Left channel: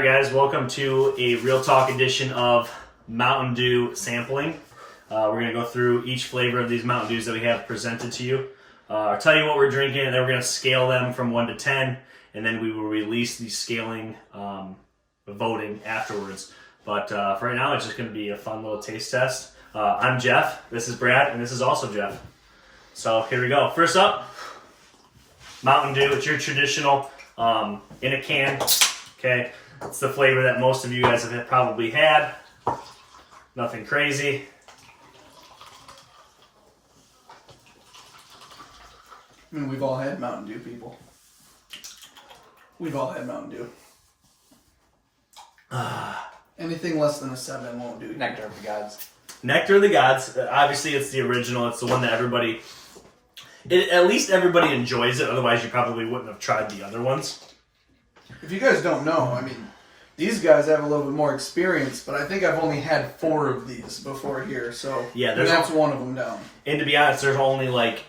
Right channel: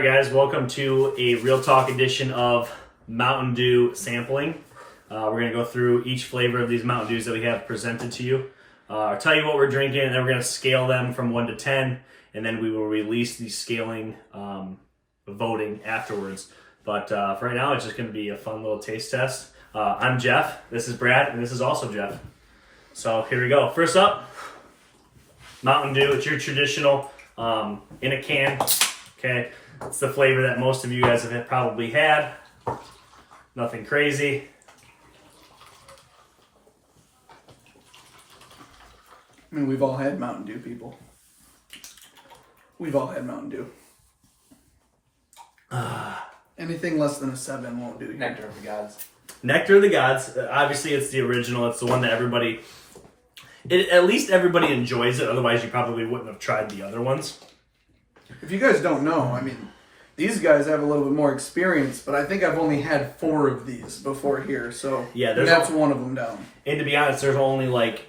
Alright guys, welcome to a Real Talk edition of Mountain Dew sampling. We're going to go through each flavor of these Mountain Dews that we have presented to you. I'll tell you what we're drinking, and then we're going to scale them from 1 to 10, and then we will release the scaling voting afterwards. But for right now, it's just going to be a fun little taste test. I'm Jeff, this is Brad, and this is also Jeff. So here we go. First up, Mountain Dew. It's your traditional in a can. Okay, it's the flavor that most of you guys have probably had. Nothing crazy. I mean, we've all had Mountain Dew, people. We've all had Mountain Dew. Anything less than a 7 won't do. Nectar of the Gods. Nectar of the Gods. Obviously, it's the original. It's the one that everybody... at least everybody enjoys it. Otherwise, you probably wouldn't have tried the other ones. If you guys don't know, I mean, these guys have a little bit more experience, but I think I've only had 4 of these before here, so yeah, that's one of them down. And to be honest, there's only like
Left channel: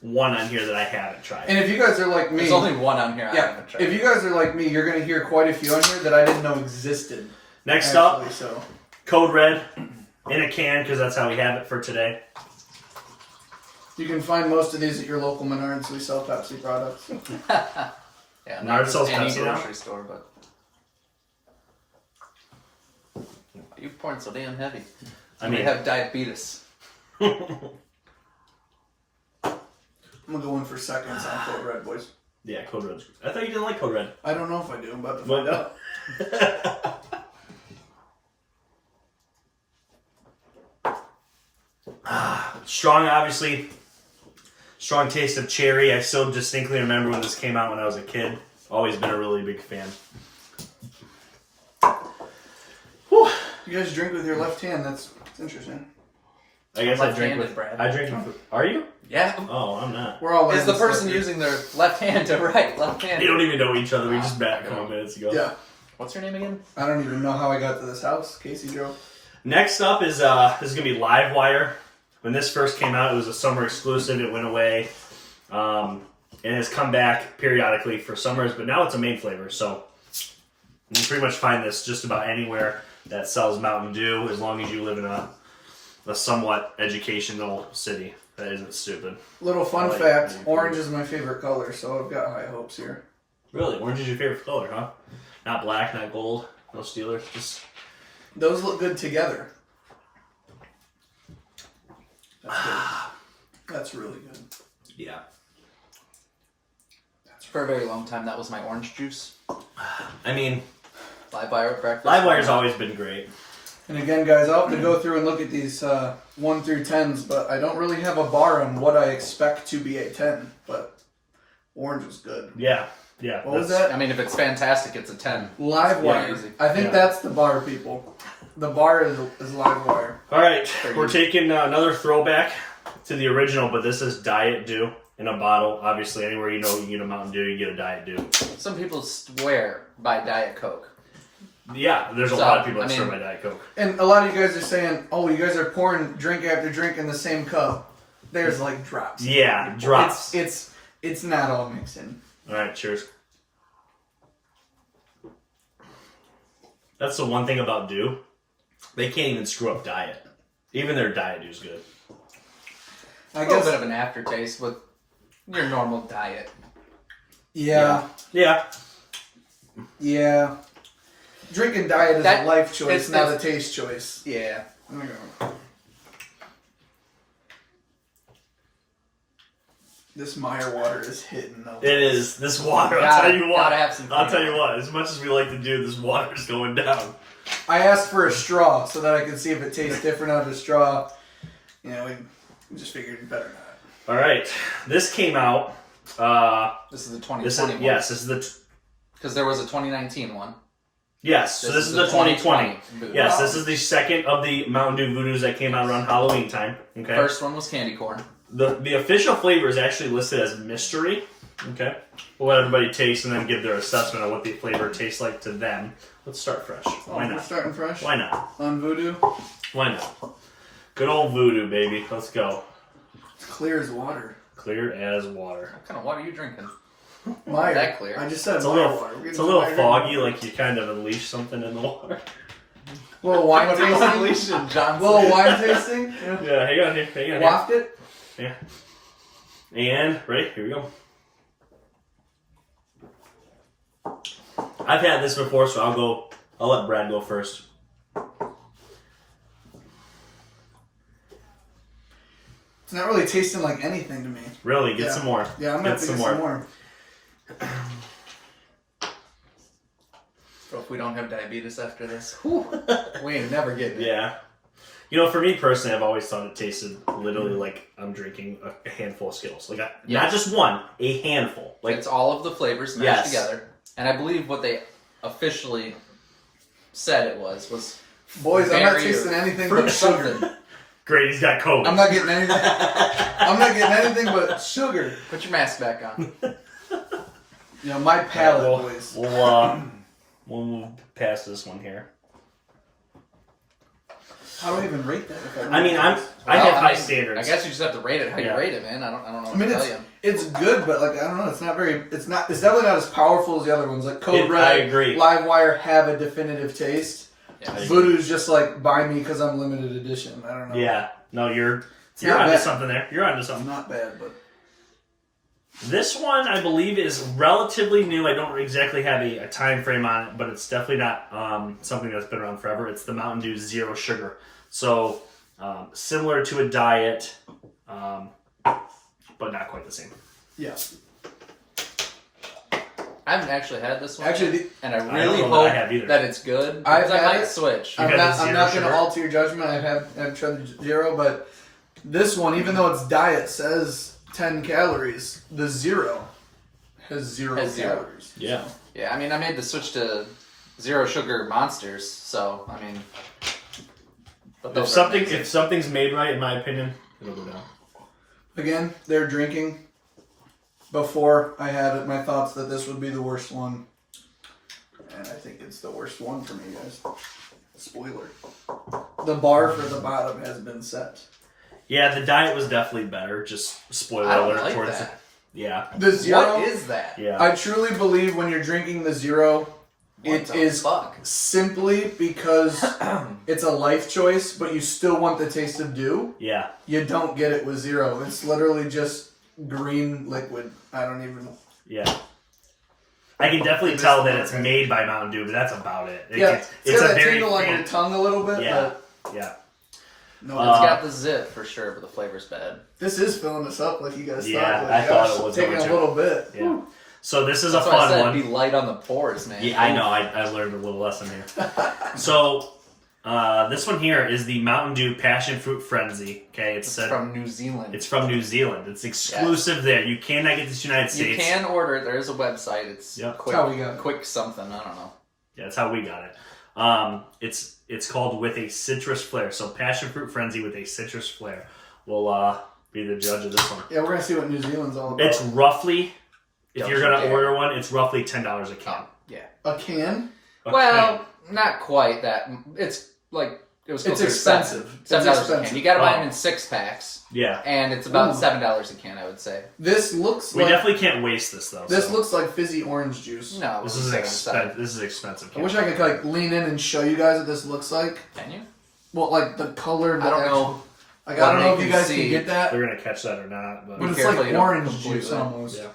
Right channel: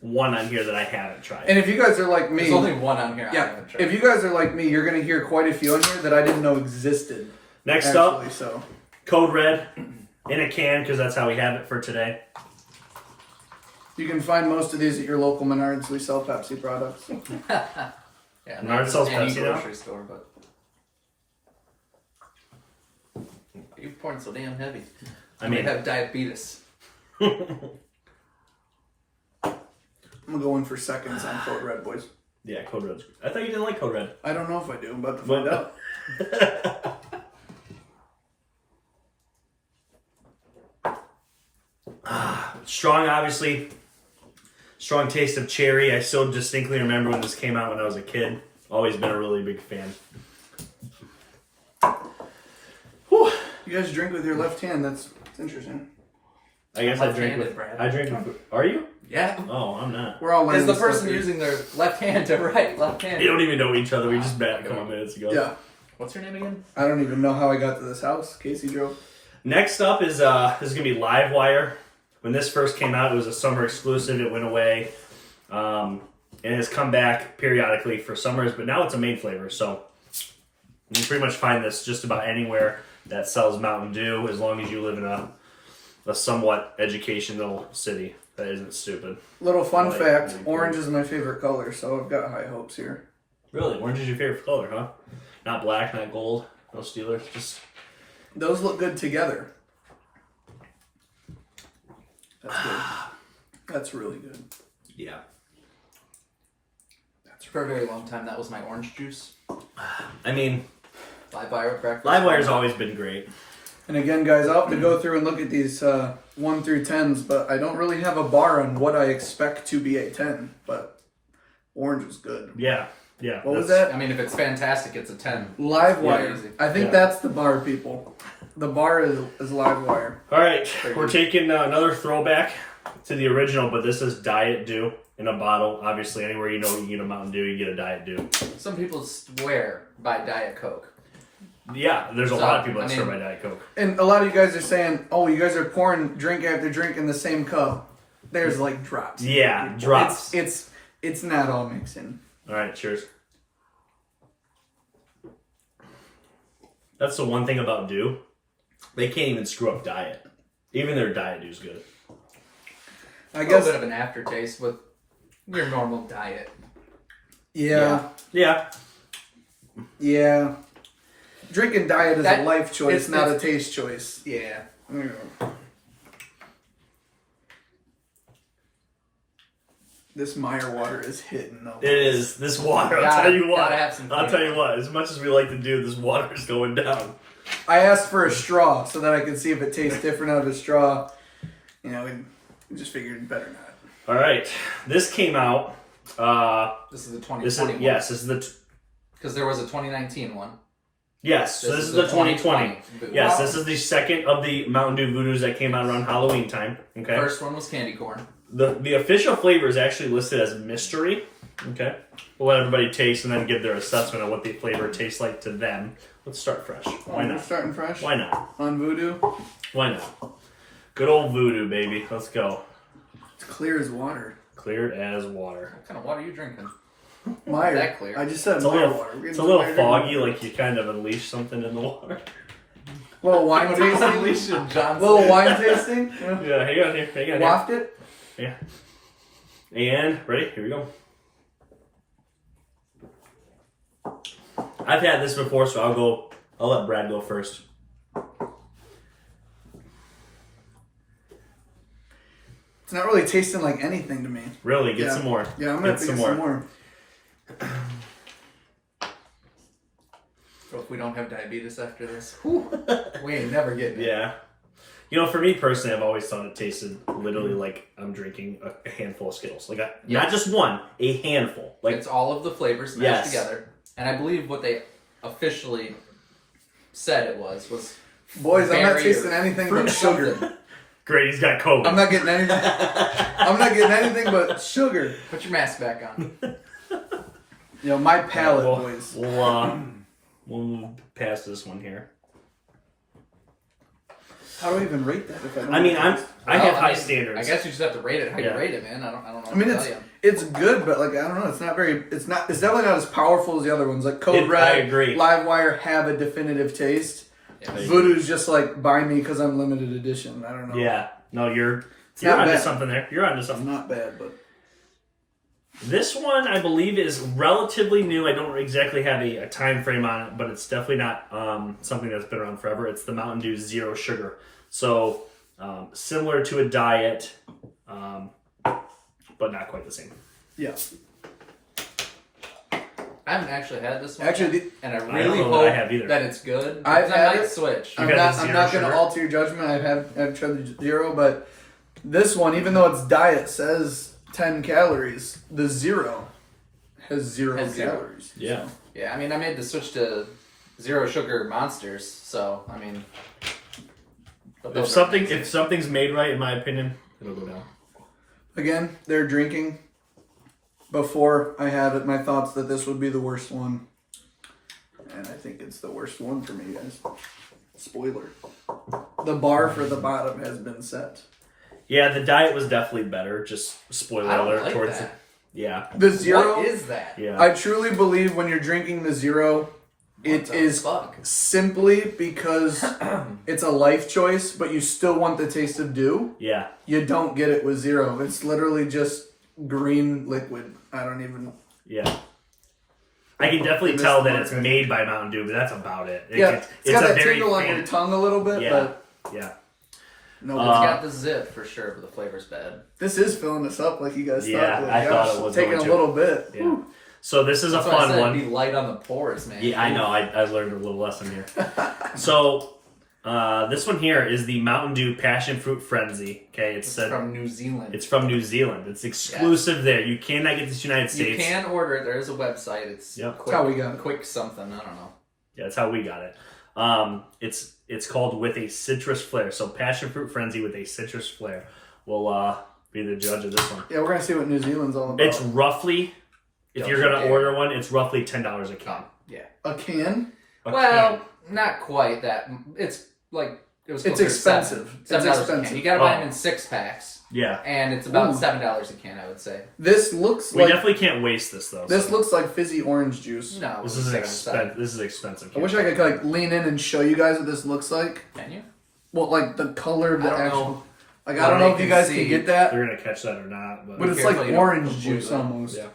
1 on here that I haven't tried. And if you guys are like me... There's only 1 on here I haven't tried. If you guys are like me, you're going to hear quite a few on here that I didn't know existed. Next up, Code Red in a can, because that's how we have it for today. You can find most of these at your local Menards. We sell Pepsi products. Yeah, Menards sells Pepsi now? Grocery store, but... You're pouring so damn heavy. I mean... You have diabetes. I'm going to go in for seconds on Code Red, boys. Yeah, Code Red's good. I thought you didn't like Code Red. I don't know if I do. I'm about to find out. Strong, obviously. Strong taste of cherry. I still distinctly remember when this came out when I was a kid. Always been a really big fan. Whew. You guys drink with your left hand. That's interesting. I guess I drink Left-handed, with... Brad. I drink with... Are you? Yeah. Oh, I'm not. We're all Is learning the person stuff. using their left hand to right, left hand? We don't even know each other. We just met a couple minutes ago. Yeah. What's your name again? I don't even know how I got to this house. Casey drove. Next up is this is going to be LiveWire. When this first came out, it was a summer exclusive. It went away. And has come back periodically for summers, but now it's a main flavor. So you can pretty much find this just about anywhere that sells Mountain Dew, as long as you live in a somewhat educational city that isn't stupid. Little fun fact, orange is my favorite color, so I've got high hopes here. Really? Orange is your favorite color, huh? Not black, not gold, no Steelers, just... Those look good together. That's good. That's really good. Yeah. For a very long time, that was my orange juice. I mean... LiveWire breakfast. LiveWire's always been great. And again, guys, I'll have to go through and look at these 1 through 10s, but I don't really have a bar on what I expect to be a 10, but orange is good. Yeah, yeah. What was that? I mean, if it's fantastic, it's a 10. LiveWire. Yeah, I think that's the bar, people. The bar is LiveWire. All right, we're taking another throwback to the original, but this is Diet Dew in a bottle. Obviously, anywhere you know you get a Mountain Dew, you get a Diet Dew. Some people swear by Diet Coke. Yeah, there's a lot of people that swear by Diet Coke. And a lot of you guys are saying, oh, you guys are pouring drink after drink in the same cup. There's like drops. Yeah, drops. It's not all mixing. All right, cheers. That's the one thing about Dew. They can't even screw up Diet. Even their Diet Dew's good. I A guess. little bit of an aftertaste with your normal diet. Yeah. Yeah. Yeah. Drinking diet is a life choice, not a taste choice. Yeah. I'm gonna go. This Meyer water is hitting though. It is. This water, I'll tell you what. As much as we like to do, this water's going down. I asked for a straw so that I could see if it tastes different out of a straw. You know, we just figured better not. All right. This came out. This is the 2020 one. Yes, this is the... Because there was a 2019 one. Yes, so this is the 2020. Yes, Wow. this is the second of the Mountain Dew VooDews that came out around Halloween time. Okay. First one was candy corn. The official flavor is actually listed as mystery. Okay. We'll let everybody taste and then give their assessment of what the flavor tastes like to them. Let's start fresh. Why We're not? starting fresh? Why not? On VooDew? Why not? Good old VooDew, baby. Let's go. It's clear as water. Clear as water. What kind of water are you drinking? Meyer. That clear. I just said It's a Meyer little, water. We're it's a getting little Meyer foggy, water. like you kind of unleashed something in the water. Little wine tasting. Unleashing Johnson. Little wine tasting. Yeah. Yeah, hang on here. Waft it. Yeah. And ready? Here we go. I've had this before, so I'll let Brad go first. It's not really tasting like anything to me. Really, get Yeah. some more. Yeah, I'm gonna Get get some more. So if we don't have diabetes after this, we ain't never getting it. Yeah. You know, for me personally, I've always thought it tasted literally like I'm drinking a handful of Skittles. Like, not just one, a handful. Like, It's all of the flavors mashed together. And I believe what they officially said it was Boys, I'm not berry tasting or anything fruit but sugar. something. great, he's got COVID. I'm not getting anything. I'm not getting anything but sugar. Put your mask back on. You know, my palate, We'll, boys. we'll move past this one here. How do I even rate that? If I mean, I have high mean, standards. I guess you just have to rate it how Yeah. you rate it, man. I don't know I mean, what to tell you. it's good, but like I don't know. It's not very. It's definitely not as powerful as the other ones. Like Code Red, I agree. LiveWire have a definitive taste. Yeah. I agree. VooDew's just like buy me because I'm limited edition. I don't know. Yeah. No, you're not onto bad. something there. You're onto It's something. not bad, but This one, I believe, is relatively new. I don't exactly have a time frame on it, but it's definitely not something that's been around forever. It's the Mountain Dew Zero Sugar. So, similar to a diet, but not quite the same. yeah. I haven't actually had this one. Actually, yet, and I don't really know that I hope have either. that it's good. I've Because I had might it. switch. You've I'm had not, the I'm zero not going to sugar? alter your judgment. I've tried the zero, but this one, even though it's diet, says 10 calories. The zero has zero Has zero. calories. Yeah. Yeah, I mean, I made the switch to zero sugar monsters, so I mean, but If those are amazing. something's made right, in my opinion, it'll go down. Again, they're drinking. Before I had my thoughts that this would be the worst one, and I think it's the worst one for me, guys. Spoiler: the bar for the bottom has been set. Yeah, the diet was definitely better. Just spoiler I don't alert like towards that. Yeah. The zero. What is that? Yeah. I truly believe when you're drinking the zero, it What the is fuck? simply because it's a life choice, but you still want the taste of Dew. Yeah. You don't get it with zero. It's literally just green liquid. I don't even. Yeah. I can definitely tell that it's made by Mountain Dew, but that's about it. It's It's got a that very tingle on your faint. tongue a little bit, Yeah. but Yeah. no. It's got the zip for sure, but the flavor's bad. This is filling us up like you guys Yeah, thought. Like, I thought it was taking going a to. little bit. Yeah. So this is That's a why I fun said one. Be light on the pores, man. Yeah, I know. I learned a little lesson here. So this one here is the Mountain Dew Passion Fruit Frenzy. Okay, It's from New Zealand. It's from New Zealand. It's exclusive there. You cannot get this in the United You States. can order it. There's a website. It's Yep. quick, That's how we got it. quick something. I don't know. Yeah, that's how we got it. It's called With a Citrus Flair. So Passion Fruit Frenzy with a citrus flair will be the judge of this one. Yeah, we're gonna see what New Zealand's all about. It's roughly, if you're gonna Yeah. order one, it's roughly $10 a can. Yeah. a can. A Well, can. not quite that. It's like it was. It's closer to expensive. $7 It's a expensive. can. You got to buy Oh. them in 6-packs, Yeah, and it's about Ooh. $7 a can. I would say. This looks we like definitely can't waste this though. this so. looks like fizzy orange juice. No, This is it's $7. This is expensive. I wish I could like lean in and show you guys what this looks like. Can you? Well, like the color, the I don't actual. know. Like I don't know if you guys see. can get that, They're gonna catch that or not, but but it's Carefully, like you don't orange completely. juice almost. yeah,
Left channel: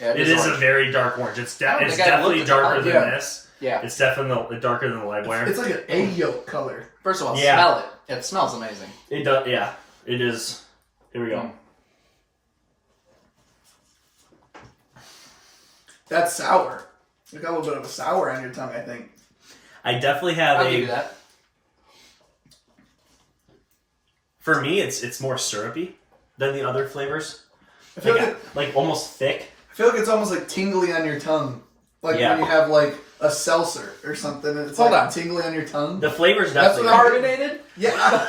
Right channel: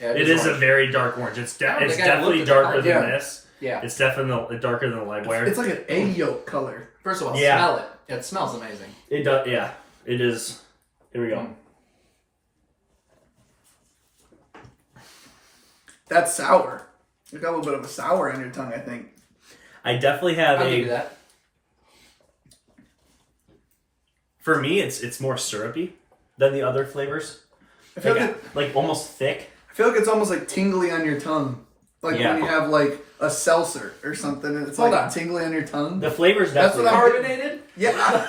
Yeah, it is a orange. very dark orange. It's Oh, they it's gotta definitely look at the darker color. than Yeah. this. Yeah. It's definitely darker than the LiveWire. It's like an egg yolk color. First of all, Yeah. smell it. It smells amazing. It does. Yeah, it is. Here we go. That's sour. You got a little bit of a sour on your tongue, I think. I definitely have I'll give a. you that. For me, it's more syrupy than the other flavors. I feel Like almost thick. it's almost like tingly on your tongue. Like Yeah. when you have like a seltzer or something and it's Hold like on. tingly on your tongue. The flavors That's definitely. what I- Carbonated? Yeah.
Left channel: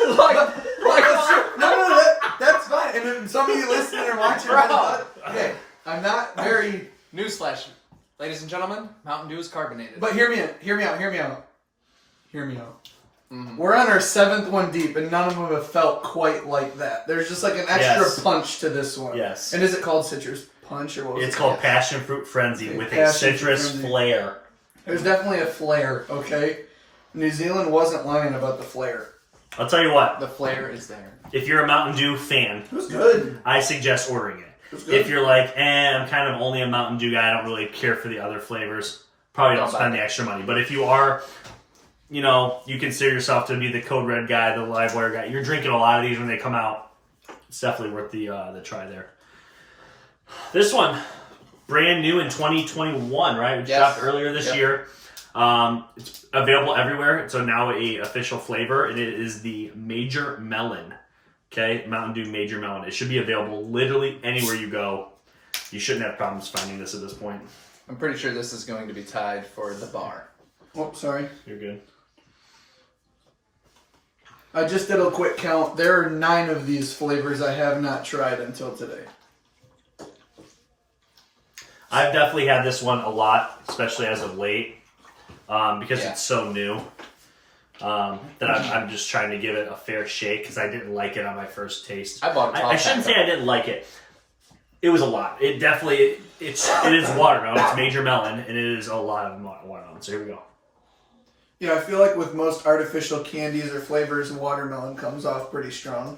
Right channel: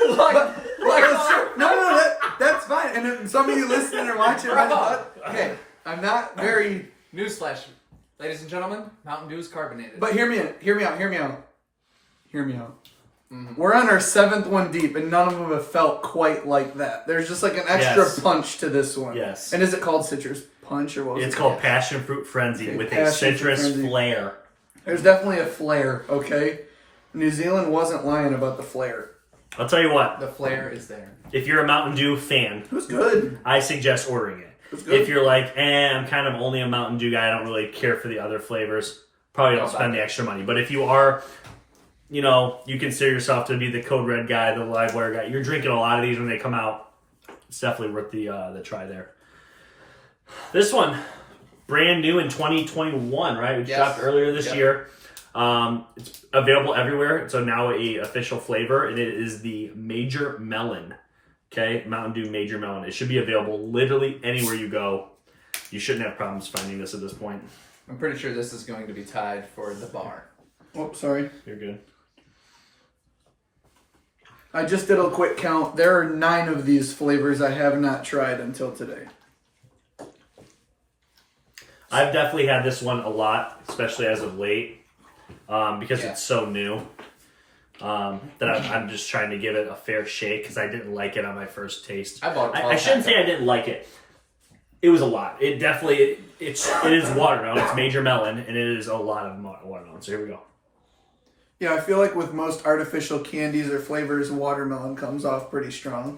No, that's fine. And if some of you listening or watching, okay, I'm not very. Newsflash, ladies and gentlemen, Mountain Dew is carbonated. But hear me out. We're on our 7th one deep, and none of them have felt quite like that. There's just like an extra Yes. punch to this one. Yes. And is it called citrus? punch or what was It's it? called Passion Fruit Frenzy Okay, with a Passion Fruit citrus Frenzy. flair. There's definitely a flair, okay? New Zealand wasn't lying about the flair. I'll tell you what. The flair is there. If you're a Mountain Dew fan, It was good. I suggest ordering it. It was good. If you're like, I'm kind of only a Mountain Dew guy, I don't really care for the other flavors, probably don't spend the extra money. But if you are, you consider yourself to be the Code Red guy, the LiveWire guy, you're drinking a lot of these when they come out, it's definitely worth the try there. This one, brand new in 2021, right? We dropped earlier this year. It's available everywhere. It's now a official flavor, and it is the Major Melon. Okay, Mountain Dew Major Melon. It should be available literally anywhere you go. You shouldn't have problems finding this at this point. I'm pretty sure this is going to be tied for the bar. Oh, sorry. You're good. I just did a quick count. There are 9 of these flavors I have not tried until today. I've definitely had this one a lot, especially as of late, because it's so new. That I'm just trying to give it a fair shake because I didn't like it on my first taste. I shouldn't say I didn't like it. It was a lot. It definitely it is watermelon. It's Major Melon, and it is a lot of watermelon. So here we go. Yeah, I feel like with most artificial candies or flavors, watermelon comes off pretty strong.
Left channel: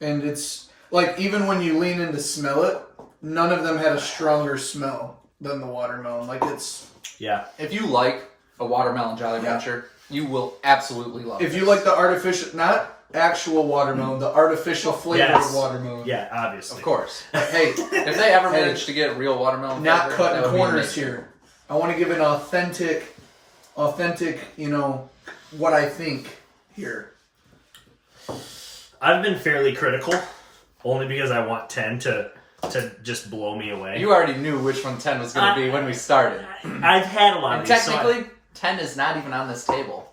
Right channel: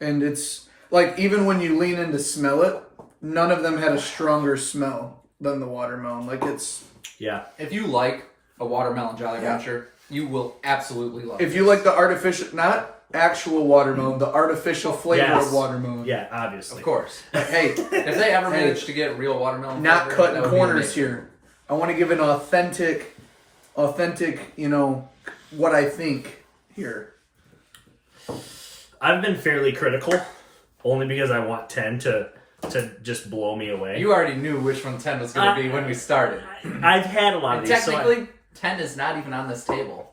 And it's like even when you lean in to smell it, none of them had a stronger smell than the watermelon. Like it's If you like a watermelon Jolly Rancher, you will absolutely love it. If you like the artificial, not actual watermelon, the artificial flavored watermelon. Yeah, obviously. Of course. Hey, if they ever manage to get real watermelon not flavor, cutting that would be corners amazing. here. I want to give an authentic, what I think here. I've been fairly critical, only because I want 10 to just blow me away. You already knew which one 10 was going to be when we started. I've had a lot And of these. technically, 10 is not even on this table.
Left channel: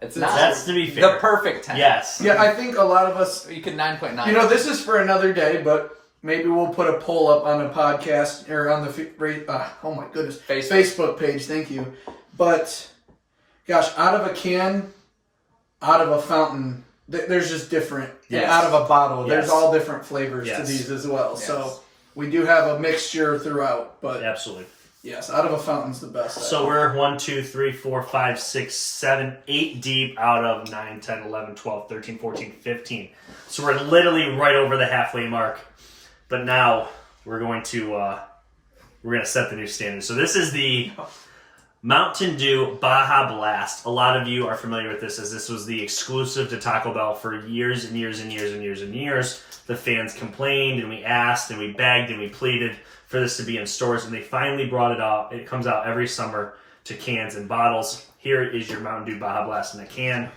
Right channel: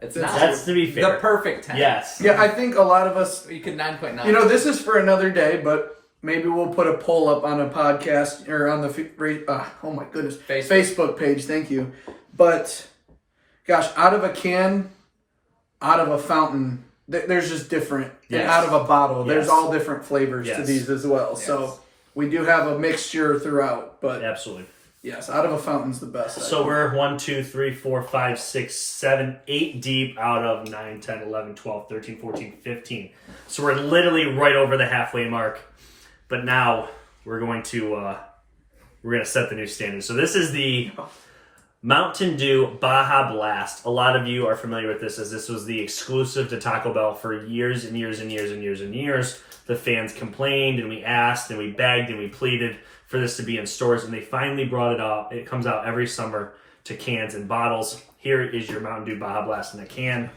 It's not. That's to be fair. The perfect 10. Yes. Yeah, I think a lot of us. You could 9.9. This is for another day, but maybe we'll put a poll up on a podcast or on the oh my goodness, Facebook page. Thank you. But gosh, out of a can, out of a fountain, there's just different. Yes. And out of a bottle, Yes. there's all different flavors to Yes. these as well. Yes. So we do have a mixture throughout, but Absolutely. yes, out of a fountain's the best. So we're 1, 2, 3, 4, 5, 6, 7, 8 deep out of 9, 10, 11, 12, 13, 14, 15. So we're literally right over the halfway mark. But now we're going to set the new standard. So this is the Mountain Dew Baja Blast. A lot of you are familiar with this, as this was the exclusive to Taco Bell for years and years and years and years and years. The fans complained and we asked and we begged and we pleaded for this to be in stores, and they finally brought it up. It comes out every summer to cans and bottles. Here is your Mountain Dew Baja Blast in a can.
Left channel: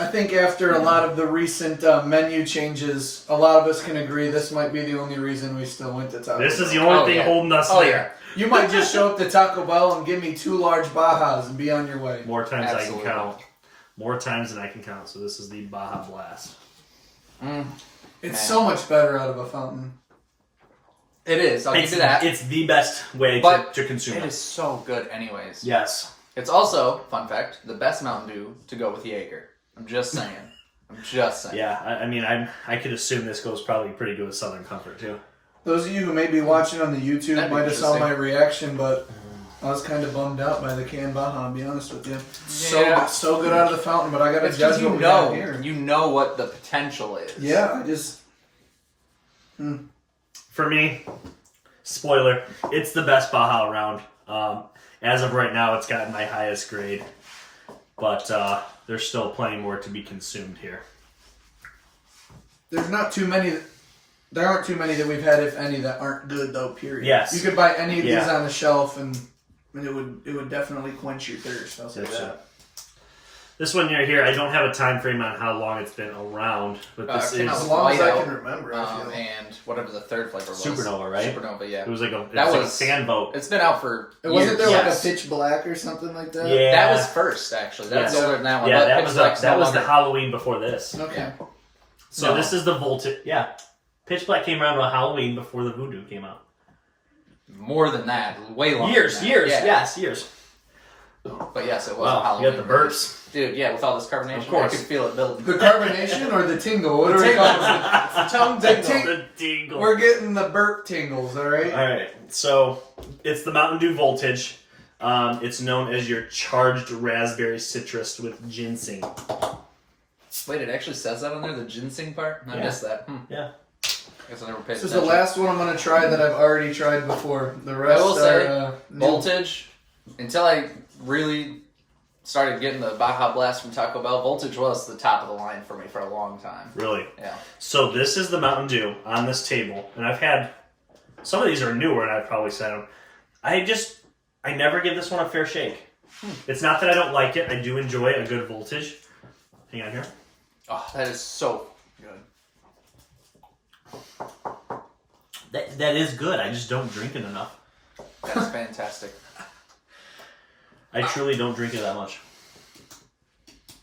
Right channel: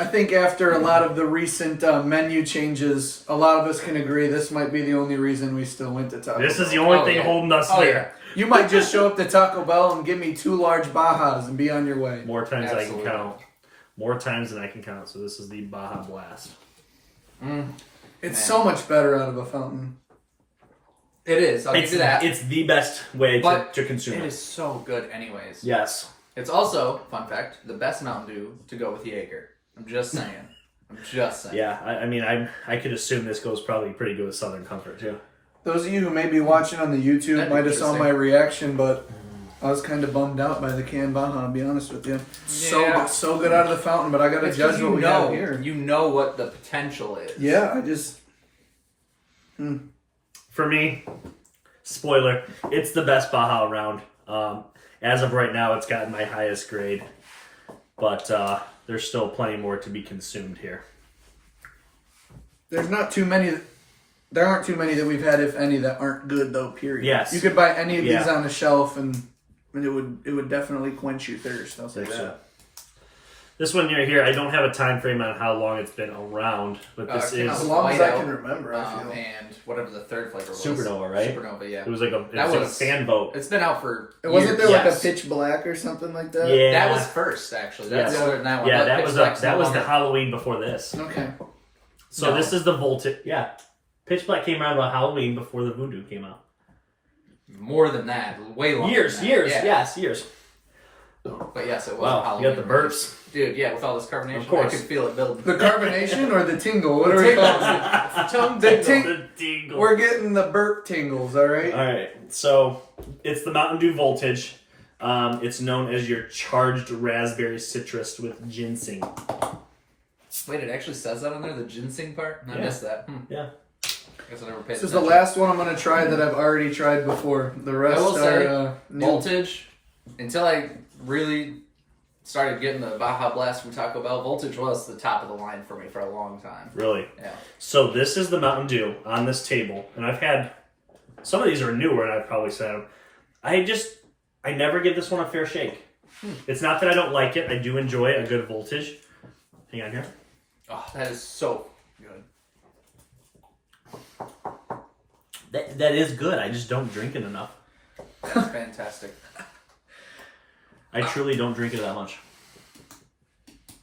I think after a lot of the recent menu changes, a lot of us can agree this might be the only reason we still went to Taco Bell. This is the only thing holding us there. You might just show up to Taco Bell and give me 2 large Bajas and be on your way. More times than I can count. More times than I can count. So this is the Baja Blast. It's so much better out of a fountain. It is. I'll give you that. It's the best way to consume it. It is so good anyways. Yes. It's also, fun fact, the best Mountain Dew to go with Jaeger. I'm just saying. Yeah, I could assume this goes probably pretty good with Southern Comfort too. Those of you who may be watching on the YouTube That'd be might have saw interesting. my reaction, but I was kind of bummed out by the canned Baja, I'll be honest with you. So good out of the fountain, but I got to judge what we have here. You know what the potential is. Yeah, I just... For me, spoiler, it's the best Baja around. As of right now, it's gotten my highest grade, but there's still plenty more to be consumed here. There's not too many... There aren't too many that we've had, if any, that aren't good, though, period. Yes. You could buy any of these on the shelf, and it would definitely quench your thirst. I'll say that. This one right here, I don't have a time frame on how long it's been around, but this is... As long as I can remember, I feel. And whatever the third flavor was. Supernova, right? Supernova, yeah. It was like a fan vote. It's been out for Wasn't there years. like a pitch black or something like that? Yeah. That was first, actually. That's older than that one. Yeah, But that Pitch was Black's that no was the longer. Halloween before this. Okay. So this is the Voltage. Yeah. Pitch Black came around on Halloween before the VooDew came out. More than that. Way longer Years, than that. years, Yeah. yes, years. But But yes, it was Wow, Halloween. you got the burps. Dude, yeah, with all this carbonation, Of course. I could feel it building. The carbonation or the tingle? What are we calling it? Tongue The tingle. The tingle. We're getting the burp tingles, all right? All right, so it's the Mountain Dew Voltage. It's known as your charged raspberry citrus with ginseng. Wait, it actually says that on there, the ginseng part? I Yeah. missed that. Yeah. Guess I never paid This is the attention. last one I'm going to try that I've already tried before. The rest I will say, are new. Voltage, until I really started getting the Baja Blast from Taco Bell, Voltage was the top of the line for me for a long time. Really? Yeah. So this is the Mountain Dew on this table, and I've had some of these are newer, and I've probably said them. I never give this one a fair shake. It's not that I don't like it; I do enjoy a good Voltage. Hang on here. Oh, that is so good. That is good. I just don't drink it enough. That's fantastic. I truly don't drink it that much.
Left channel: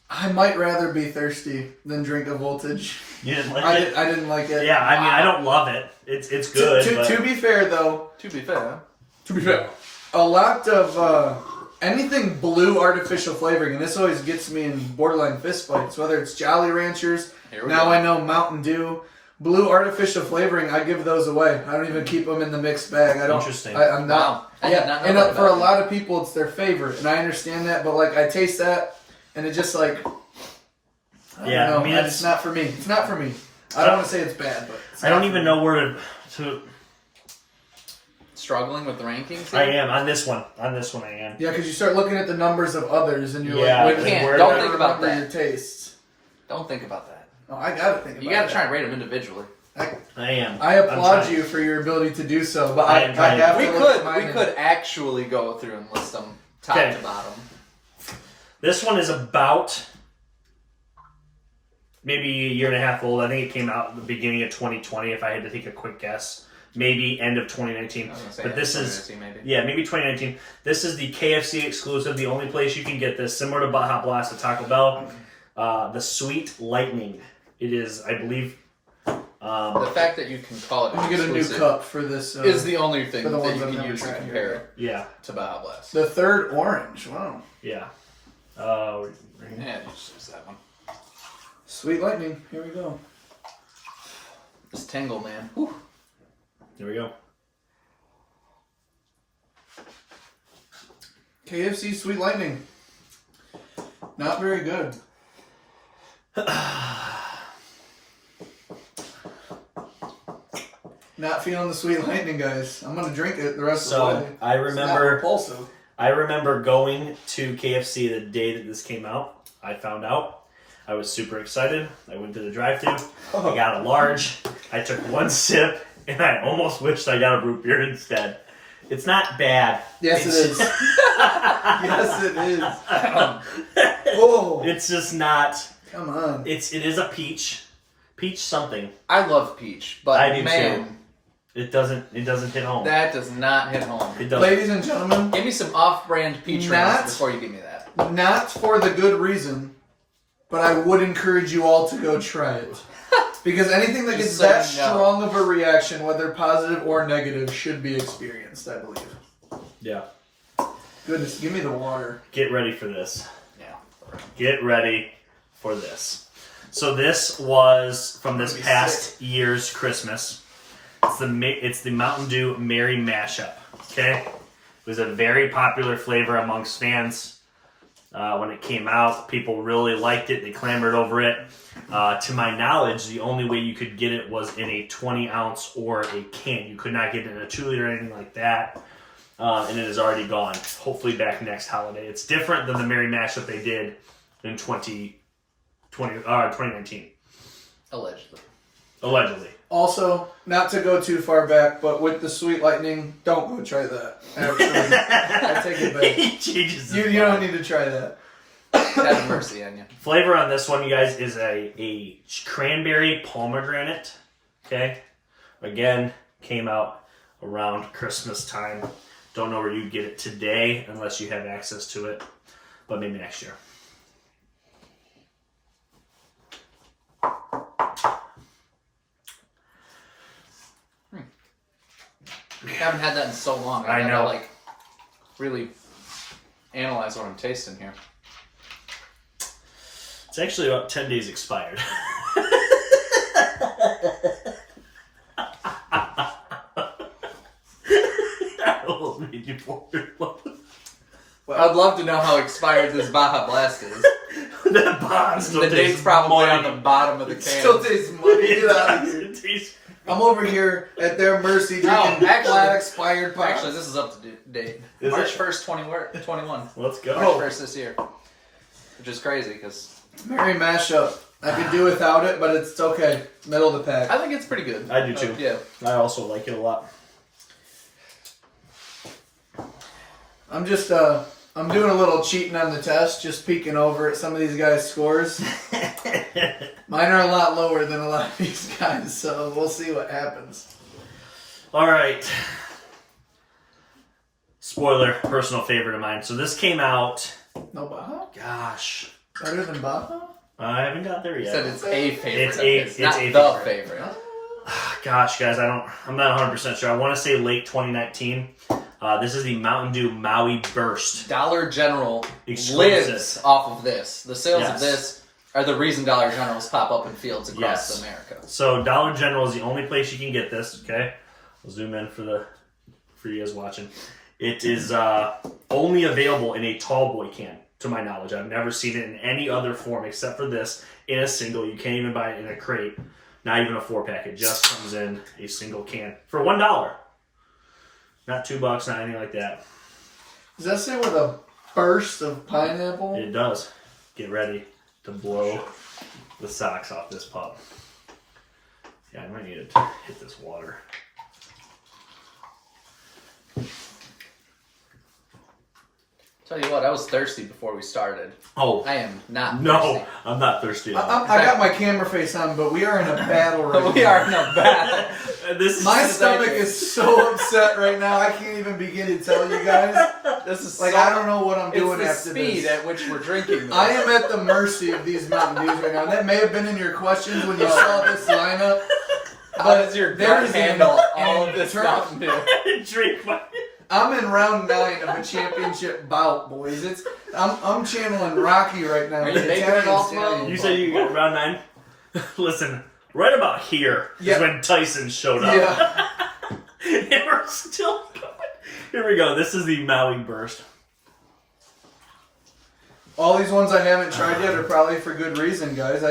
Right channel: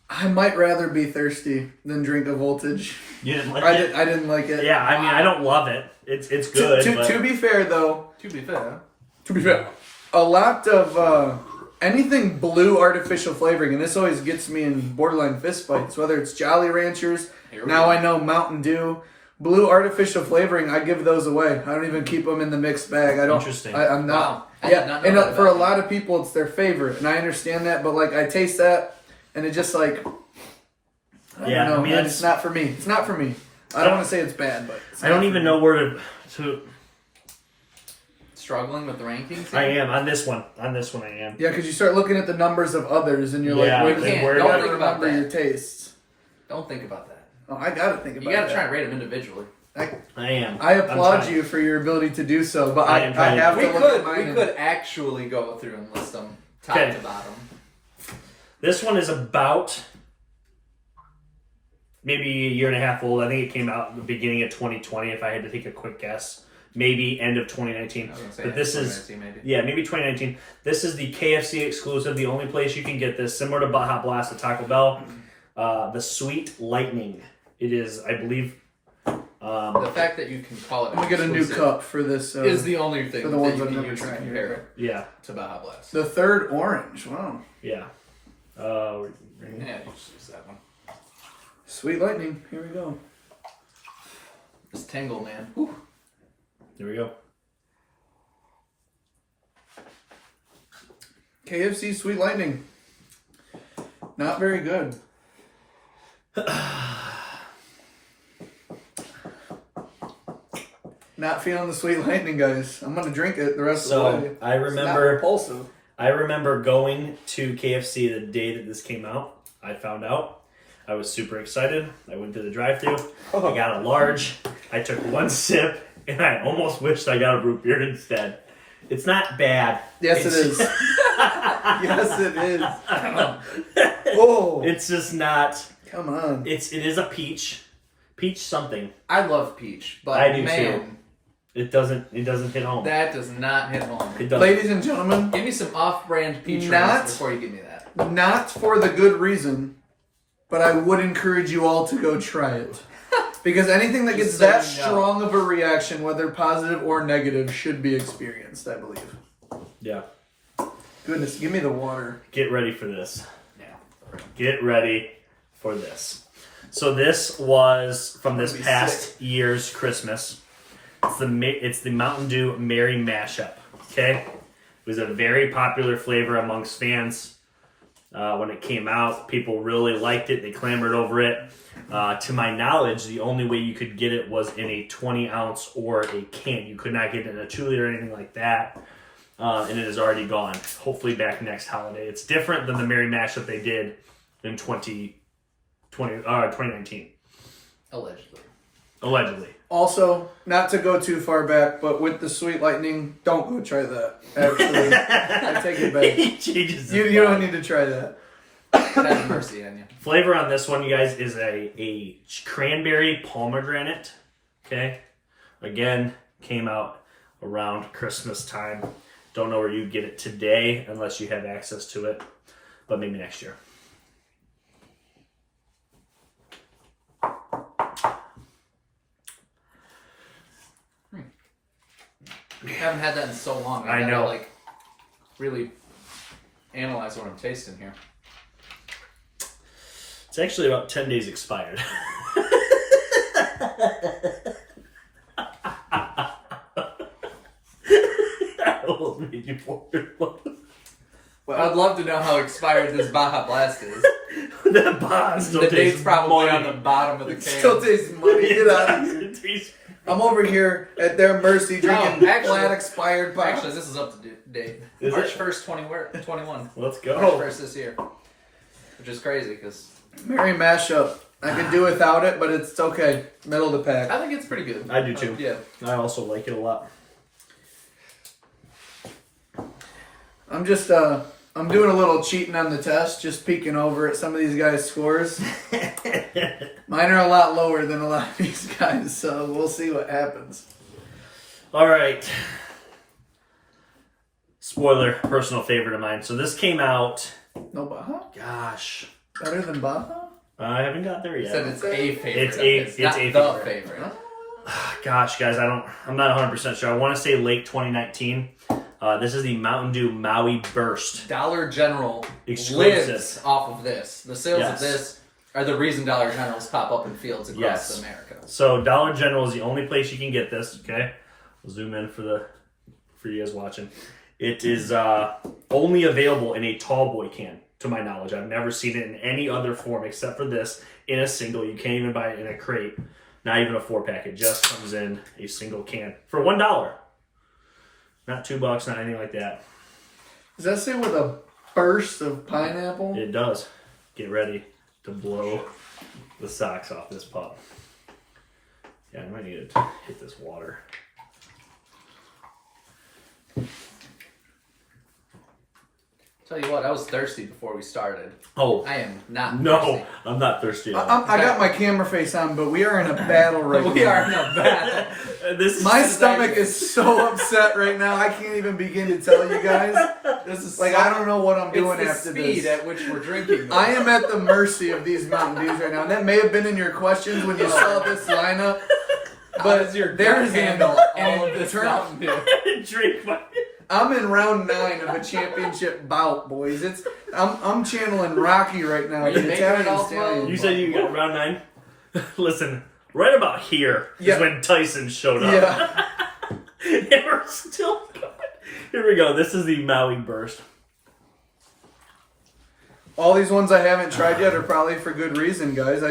I might rather be thirsty than drink a Voltage. You didn't like I it? I didn't like it. Yeah, I mean, I don't love it. It's good. but... To be fair, though, To be fair, a lot of anything blue artificial flavoring, and this always gets me in borderline fist fights, whether it's Jolly Ranchers, Here we now go. I know Mountain Dew, blue artificial flavoring, I give those away. I don't even keep them in the mixed bag. I don't. Interesting. I'm not. Wow. I did not know and that for a about lot of people, it's their favorite, and I understand that. But like, I taste that, and it just like. Yeah, know, I mean, man, it's not for me. It's not for me. I don't want to say it's bad, but it's I don't not for even me. know where to. struggling with the rankings. I am on this one. On this one, I am. Yeah, because you start looking at the numbers of others, and you're Yeah, like, and wait, where don't do I- think about that. your tastes. Don't think about that. Oh, I gotta think about You gotta that. try and rate them individually. I am. I I'm applaud trying. you for your ability to do so, but I I am trying. have We to look at could mine. actually go through and list them top Okay. to bottom. This one is about maybe a year and a half old. I think it came out at the beginning of 2020, if I had to take a quick guess. Maybe end of 2019. I was gonna say, But this is, maybe. yeah, maybe 2019. This is the KFC exclusive, the only place you can get this, similar to Baja Blast at Taco Bell. The Sweet Lightning. It is, I believe... The fact that you can call it I'm gonna get a new exclusive cup for this. is the only thing for the that ones you I've can never use to tried. compare it yeah, to Baja Blast. The third orange. Wow. yeah. Yeah, just use that one. Sweet lightning. Here we go. This tingle, man. Whew. There we go. KFC Sweet Lightning. Not very good. Not feeling the Sweet Lightning, guys. I'm gonna drink it the rest of the So, way. I It's not remember... repulsive. I remember going to KFC the day that this came out. I found out. I was super excited. I went to the drive-thru. I got a large. I took one sip, and I almost wished I got a root beer instead. It's not bad. Yes, It's it is. Yes, it is. Whoa! It's just not. Come on. It is a peach. Peach something. I love peach, but I do man, too. It doesn't hit home. that does not hit home. It doesn't. Ladies and gentlemen, Give me some off-brand peach Not- rings before you give me that. not for the good reason, but I would encourage you all to go try it. Because anything that Just gets that so you know. strong of a reaction, whether positive or negative, should be experienced, I believe. Yeah. Goodness, give me the water. Get ready for this. Yeah. Get ready for this. So this was from this I'm gonna be past year's Christmas. It's the Mountain Dew Merry Mashup. Okay, it was a very popular flavor amongst fans when it came out. People really liked it. They clamored over it. To my knowledge, the only way you could get it was in a 20-ounce or a can. You could not get it in a 2-liter or anything like that. And it is already gone. Hopefully back next holiday. It's different than the Merry Mashup they did in 2019. Allegedly. Allegedly. Also, not to go too far back, but with the Sweet Lightning, don't go try that. Actually, I take it back. He changes his You don't mind. need to try that. Have mercy on you. Flavor on this one, you guys, is a cranberry pomegranate. Okay? Again, came out around Christmas time. Don't know where you get it today unless you have access to it, but maybe next year. I haven't had that in so long. I gotta, know. Like, really analyze what I'm tasting here. It's actually about 10 days expired. I almost made you pour it. Well, I'd love to know how expired this Baja Blast is. That Baja still The tastes date's probably muddy. on the bottom of the can. Still tastes muddy. Get out of here. It tastes- I'm over here at their mercy No, drinking actually- flat expired pop. Actually, this is up to date. Is March it? 1st, 21. Let's go. March 1st this year. Which is crazy because Merry mashup. I could do without it, but it's okay. Middle of the pack. I think it's pretty good. I do too. Yeah. I also like it a lot. I'm just I'm doing a little cheating on the test, just peeking over at some of these guys' scores. Mine are a lot lower than a lot of these guys, so we'll see what happens. All right. Spoiler, personal favorite of mine. So this came out, No Baja? gosh, Better than Baja? I haven't got there You said yet. it's a favorite. It's not a the favorite. favorite. Gosh, guys, I'm not 100% sure. I want to say late 2019. This is the Mountain Dew Maui Burst. Dollar General Exclusive. lives off of this. The sales Yes. of this are the reason Dollar Generals pop up in fields across Yes. America. So Dollar General is the only place you can get this. Okay, I'll zoom in for you guys watching. It is only available in a tall boy can, to my knowledge. I've never seen it in any other form except for this in a single. You can't even buy it in a crate, not even a 4-pack. It just comes in a single can for $1. Not $2, not anything like that. Does that say with a burst of pineapple? It does. Get ready to blow the socks off this pup. Yeah, I might need to hit this water. Tell you what, I was thirsty before we started. Oh, I am not no, thirsty. I'm not thirsty at all. I got my camera face on, but we are in a battle right now. We are in a battle. This is My That's stomach like- is so upset right now. I can't even begin to tell you guys. This is Like, so- I don't know what I'm doing it's after the speed this. at which we're drinking. This. I am at the mercy of these Mountain Dews right now. And that may have been in your questions when you saw this lineup. How But does your there gut is an handle all of this internal- Mountain Dew? Drink my. I'm in round 9 of a championship bout, boys. I'm channeling Rocky right now. Are you the making Italian it all stallion. well? You said you got round 9? Listen, right about here is Yeah. when Tyson showed up. Yeah. And we're still going. Here we go. This is the Maui Burst. All these ones I haven't tried yet are probably for good reason, guys.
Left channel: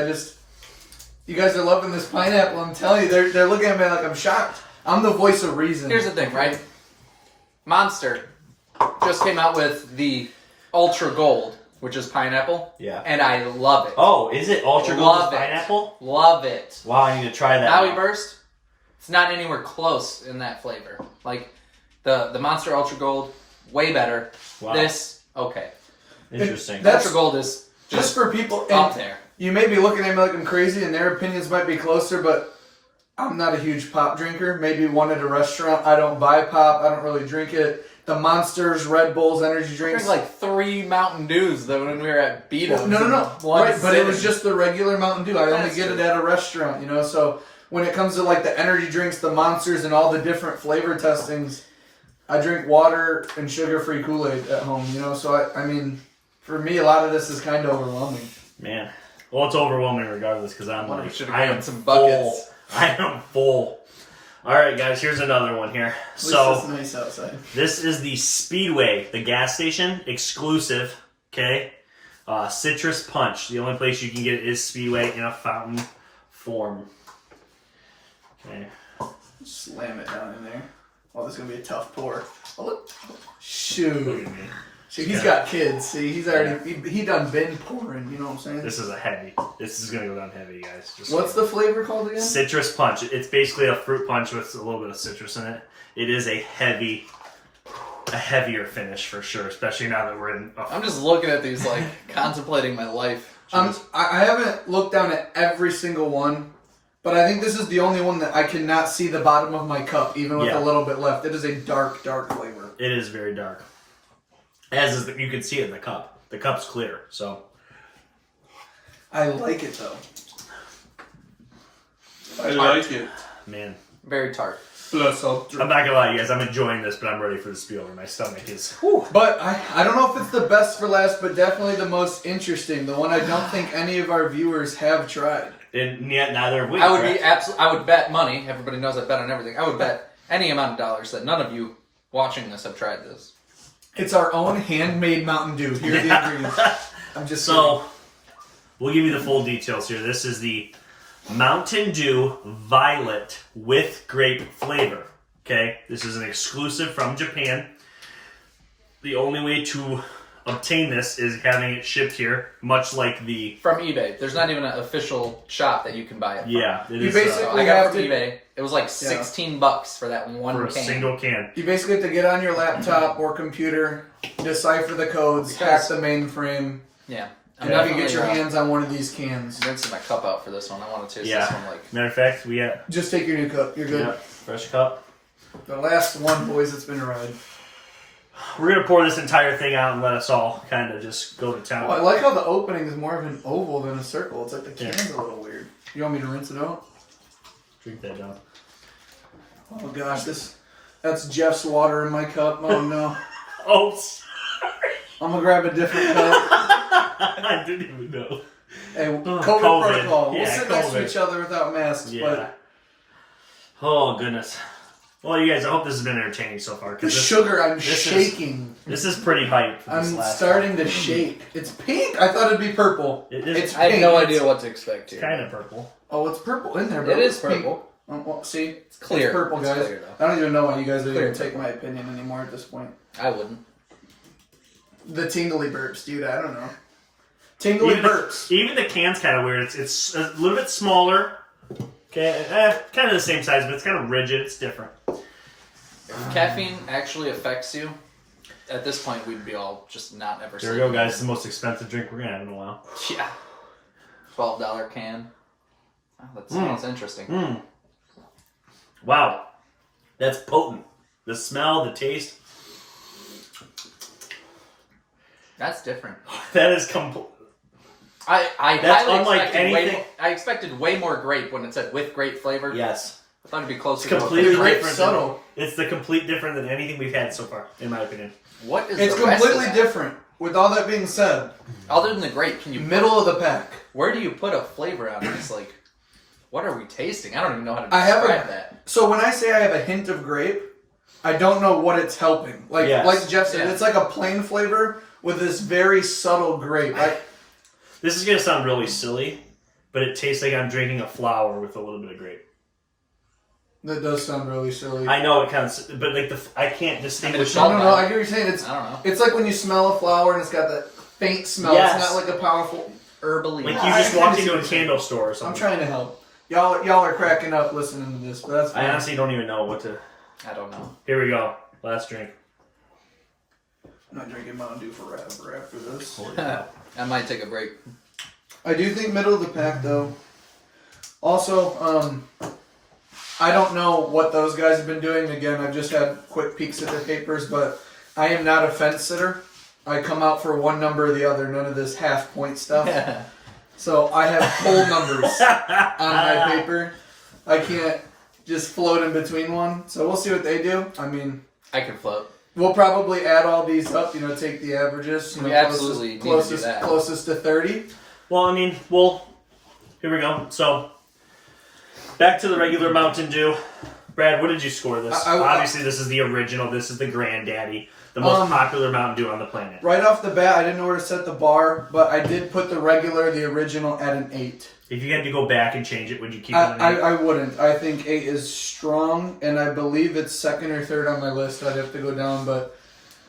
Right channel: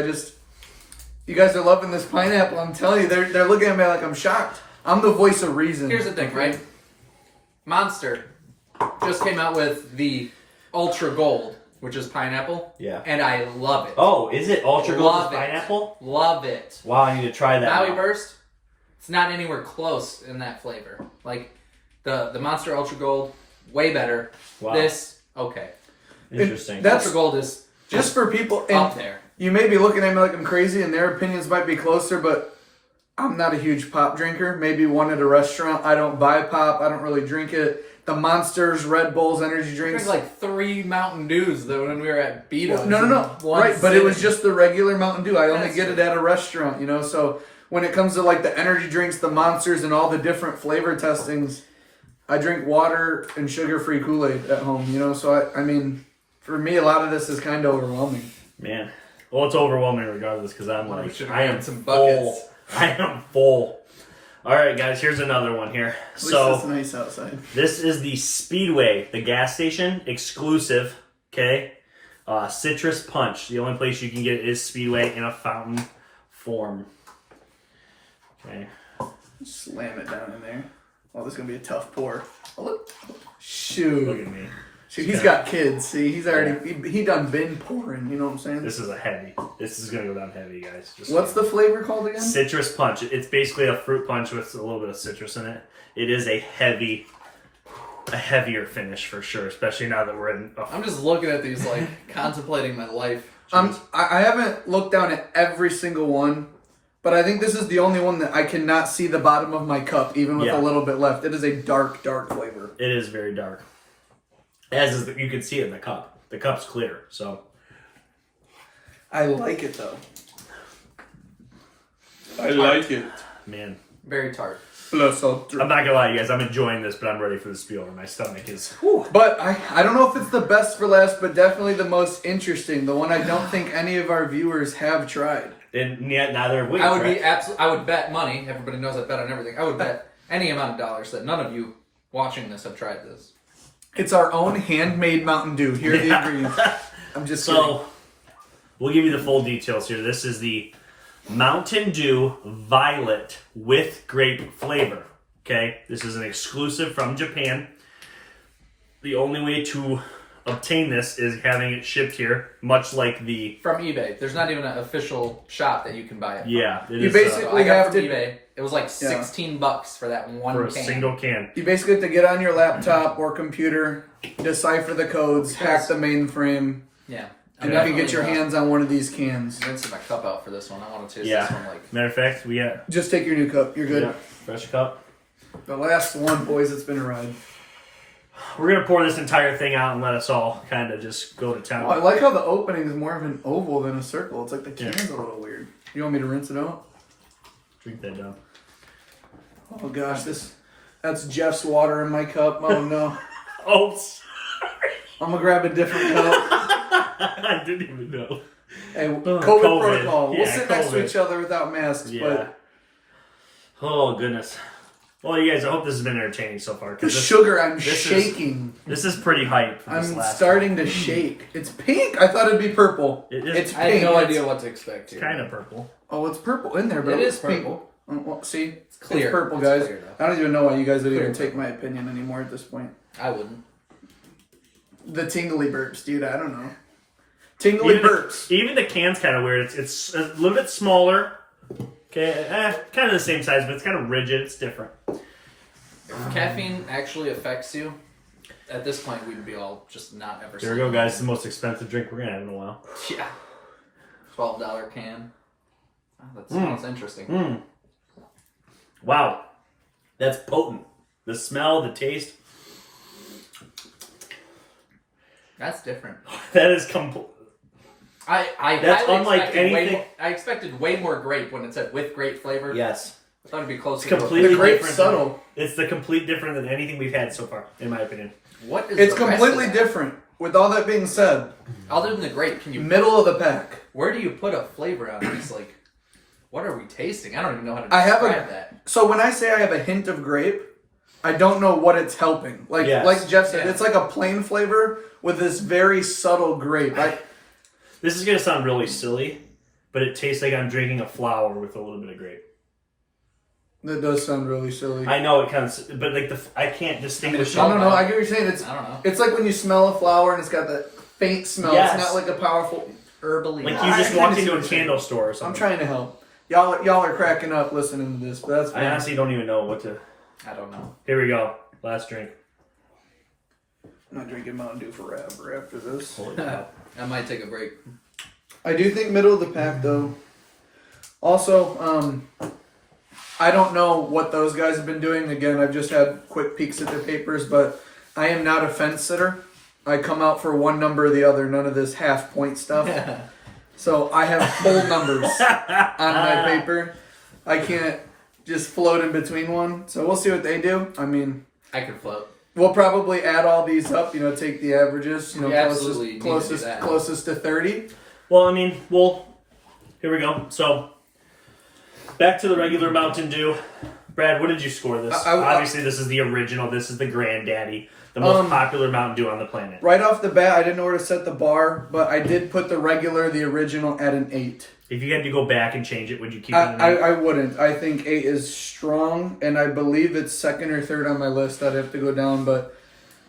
You guys are loving this pineapple. I'm telling you, they're looking at me like I'm shocked. I'm the voice of reason. Here's the thing, right? Monster just came out with the Ultra Gold, which is pineapple. Yeah. And I love it. Oh, is it Ultra Gold Love with it. pineapple? Love it. Wow, I need to try that. Maui now. Burst, it's not anywhere close in that flavor. Like the Monster Ultra Gold, way better. Wow. This, okay. Interesting. That's- Ultra Gold is Just for people, up and there. you may be looking at me like I'm crazy, and their opinions might be closer, but I'm not a huge pop drinker. Maybe one at a restaurant. I don't buy pop. I don't really drink it. The Monsters, Red Bulls, energy drinks. There's like 3 Mountain Dews though when we were at Beato's. No. in one Right, but it was sitting. just the regular Mountain Dew. I only That's get true. it at a restaurant, you know. So when it comes to like the energy drinks, the Monsters, and all the different flavor testings, I drink water and sugar-free Kool-Aid at home, you know. So I mean, for me, a lot of this is kind of overwhelming. Man. Well, it's overwhelming regardless because I'm Well, we like, should've I am gotten some full. buckets. I am full. All right, guys, here's another one here. At least So it's nice outside. this is the Speedway, the gas station exclusive, okay? Citrus Punch. The only place you can get it is Speedway in a fountain form. Okay. Slam it down in there. Oh, this is gonna be a tough pour. Oh, look. Look Shoot. at me. See, he's got kids. See, he's already he done been pouring. You know what I'm saying? This is a heavy. This is gonna go down heavy, guys. Just What's the flavor called again? Citrus Punch? It's basically a fruit punch with a little bit of citrus in it. It is a heavier finish for sure, especially now that we're in. I'm just looking at these like contemplating my life. I haven't looked down at every single one, but I think this is the only one that I cannot see the bottom of my cup, even with Yeah. a little bit left. It is a dark, dark flavor. It is very dark. As is you can see it in the cup. The cup's clear, so I like it though. I like it. man. Very tart. Plus ultra. I'm not gonna lie, you guys. I'm enjoying this, but I'm ready for the spiel. My stomach is. But I don't know if it's the best for last, but definitely the most interesting. The one I don't think any of our viewers have tried. And yet neither have we. I would be correct? I would bet money. Everybody knows I bet on everything. I would bet any amount of dollars that none of you watching this have tried this. It's our own handmade Mountain Dew. Here are the ingredients. I'm just So, we'll give you the full details here. This is the Mountain Dew Violet with grape flavor. Okay, this is an exclusive from Japan. The only way to obtain this is having it shipped here, much like the From eBay. There's not even an official shop that you can buy it from. yeah. It You is basically So I got have from to- eBay. It was like $16 for that one for a can. single can. You basically have to get on your laptop or computer, decipher the codes, hack the mainframe, Yeah. and you can get your hands on one of these cans. I'm rinsing my cup out for this one. I want to taste Yeah. this one like. Matter of fact, we got Just take your new cup. You're good. fresh cup. The last one, boys. It's been a ride. We're gonna pour this entire thing out and let us all kind of just go to town. Oh, I like how the opening is more of an oval than a circle. It's like the Yeah. can's a little weird. You want me to rinse it out? Drink that down. Oh gosh, that's Jeff's water in my cup. Oh no. Oh, I'm gonna grab a different cup. I didn't even know. Hey, COVID, COVID. protocol. We'll Yeah, sit next to COVID. each other without masks, Yeah. Oh goodness. Well, you guys, I hope this has been entertaining so far. but the 'Cause this, sugar, I'm this is- shaking. this is pretty hype. For this I'm last starting to shake. It's pink. I thought it'd be purple. It is- It's I had pink. no It's- idea what to expect here. kind of purple. Oh, it's purple in there, bro. It is It's pink. purple. Oh, well, see, it's clear. purple, It's guys. clear, though. I don't even know why you guys would Clear. even take my opinion anymore at this point. I wouldn't. The tingly burps, dude. I don't know. Tingly burps. Even the can's kind of weird. It's a little bit smaller. Okay, kind of the same size, but it's kind of rigid. It's different. If caffeine actually affects you, at this point we'd be all just not ever. Here we go, guys. It's the most expensive drink we're gonna have in a while. Yeah. $12 can. Oh, that smells interesting. Mm. Wow, that's potent. The smell, the taste. That's different. That is complete. I That's highly unlike expected way anything- more, I expected way more grape when it said with grape flavor. Yes. I thought it'd be closer. It's completely The grape's different. subtle. It's the complete different than anything we've had so far, in my opinion. What is It's the rest completely of that? different. With all that being said, Other than the grape, can you? middle of the pack. Where do you put a flavor on this? Like, what are we tasting? I don't even know how to I have describe a- that. So when I say I have a hint of grape, I don't know what it's helping. Like Yes. like Jeff said, Yeah. it's like a plain flavor with this very subtle grape. This is gonna sound really silly, but it tastes like I'm drinking a flower with a little bit of grape. That does sound really silly. I know it kind of, but like I can't distinguish. I No, mean, no, I get what you're saying. I don't know. It's like when you smell a flower and it's got that faint smell. Yes. It's not like a powerful. Herbally. Like I you just kinda walked see into what a you're saying. candle store or I'm something. trying to help. Y'all are cracking up listening to this, but that's fine. I honestly don't even know what to. I don't know. Here we go. Last drink. I'm not drinking Mountain Dew forever after this. Holy cow. I might take a break. I do think middle of the pack though. Also, I don't know what those guys have been doing. Again, I've just had quick peeks at their papers, but I am not a fence sitter. I come out for one number or the other. None of this half point stuff. So I have whole numbers on my paper. I can't just float in between one. So we'll see what they do. I mean, I can float. we'll probably add all these up. Take the averages. We absolutely need to do that. Closest to 30. Well, I mean, here we go. So, back to the regular Mountain Dew. Brad, what did you score this? Obviously, this is the original. This is the granddaddy. The most popular Mountain Dew on the planet. Right off the bat, I didn't know where to set the bar, but I did put the regular, the original, at an 8. If you had to go back and change it, would you keep it an 8? I wouldn't. I think 8 is strong, and I believe it's second or third on my list. I'd have to go down, but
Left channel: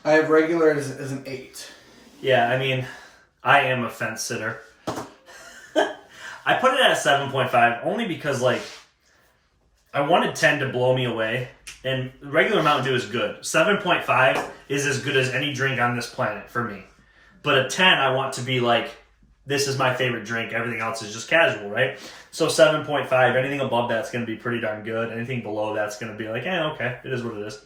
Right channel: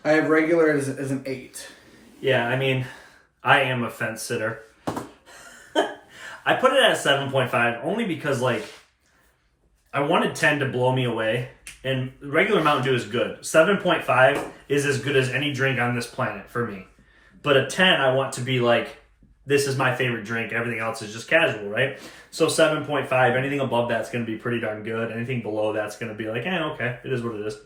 I have regular as an 8. Yeah, I mean, I am a fence sitter. I put it at a 7.5 only because, I wanted 10 to blow me away, and regular Mountain Dew is good. 7.5 is as good as any drink on this planet for me. But a 10, I want to be this is my favorite drink. Everything else is just casual, right? So 7.5, anything above that's going to be pretty darn good. Anything below that's going to be okay, it is what it is.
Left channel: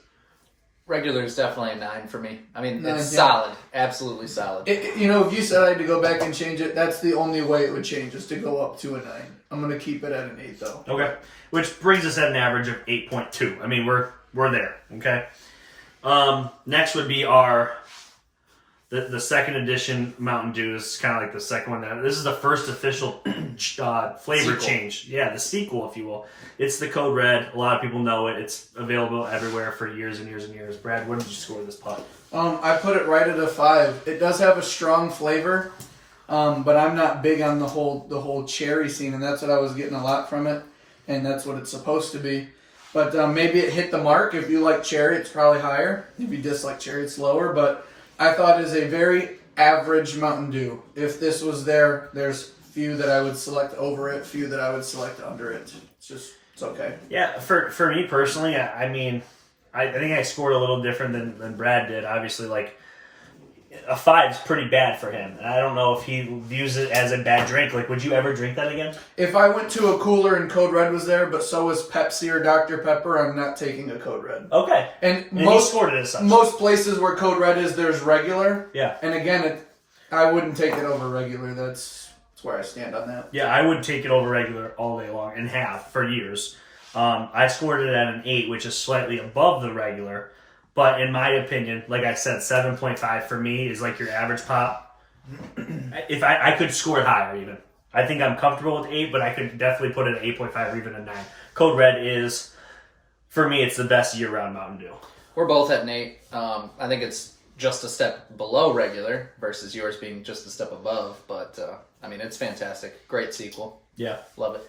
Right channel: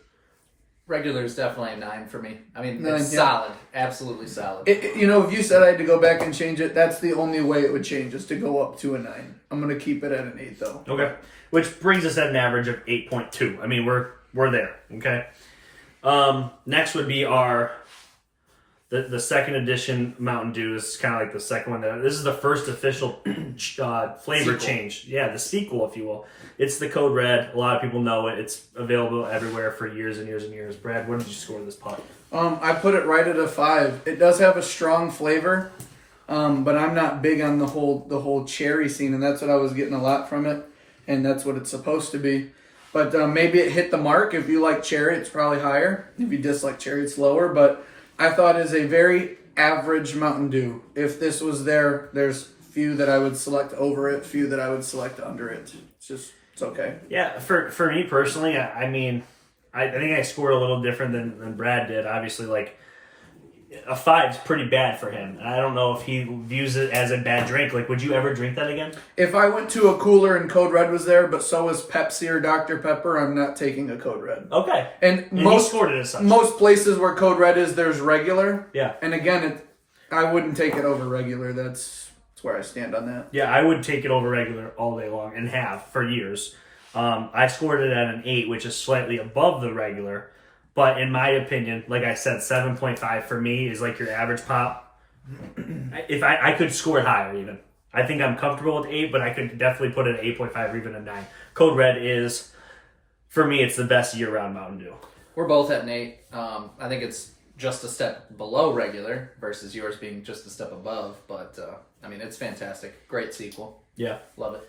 Regular is definitely a 9 for me. I mean, 9, it's yeah. solid. Absolutely solid. You know, if you said I had to go back and change it, that's the only way it would change, is to go up to a 9. I'm going to keep it at an 8, though. Okay. Which brings us at an average of 8.2. I mean, we're there. Okay. Next would be the second edition Mountain Dew. Is kind of like the second one. This is the first official flavor change. Yeah, the sequel, if you will. It's the Code Red. A lot of people know it. It's available everywhere for years and years and years. Brad, what did you score this putt? I put it right at a 5. It does have a strong flavor, but I'm not big on the whole cherry scene, and that's what I was getting a lot from it, and that's what it's supposed to be. But maybe it hit the mark. If you like cherry, it's probably higher. If you dislike cherry, it's lower. But I thought it is a very average Mountain Dew. If this was there, there's few that I would select over it, few that I would select under it. It's okay. Yeah, for me personally, I mean, I think I scored a little different than Brad did. Obviously, like, a 5 is pretty bad for him. And I don't know if he views it as a bad drink. Like, would you ever drink that again? If I went to a cooler and Code Red was there, but so was Pepsi or Dr. Pepper, I'm not taking a Code Red. Okay. And he scored it as such. Most places where Code Red is, there's regular. Yeah. And again, I wouldn't take it over regular. That's where I stand on that. Yeah, I would take it over regular all day long and have for years. I scored it at an 8, which is slightly above the regular. But in my opinion, like I said, 7.5 for me is like your average pop. If I could score it higher even. I think I'm comfortable with 8, but I could definitely put it at 8.5 or even a 9. Code Red is, for me, it's the best year-round Mountain Dew. We're both at an 8. I think it's just a step below regular versus yours being just a step above. But, I mean, it's fantastic. Great sequel. Yeah. Love it.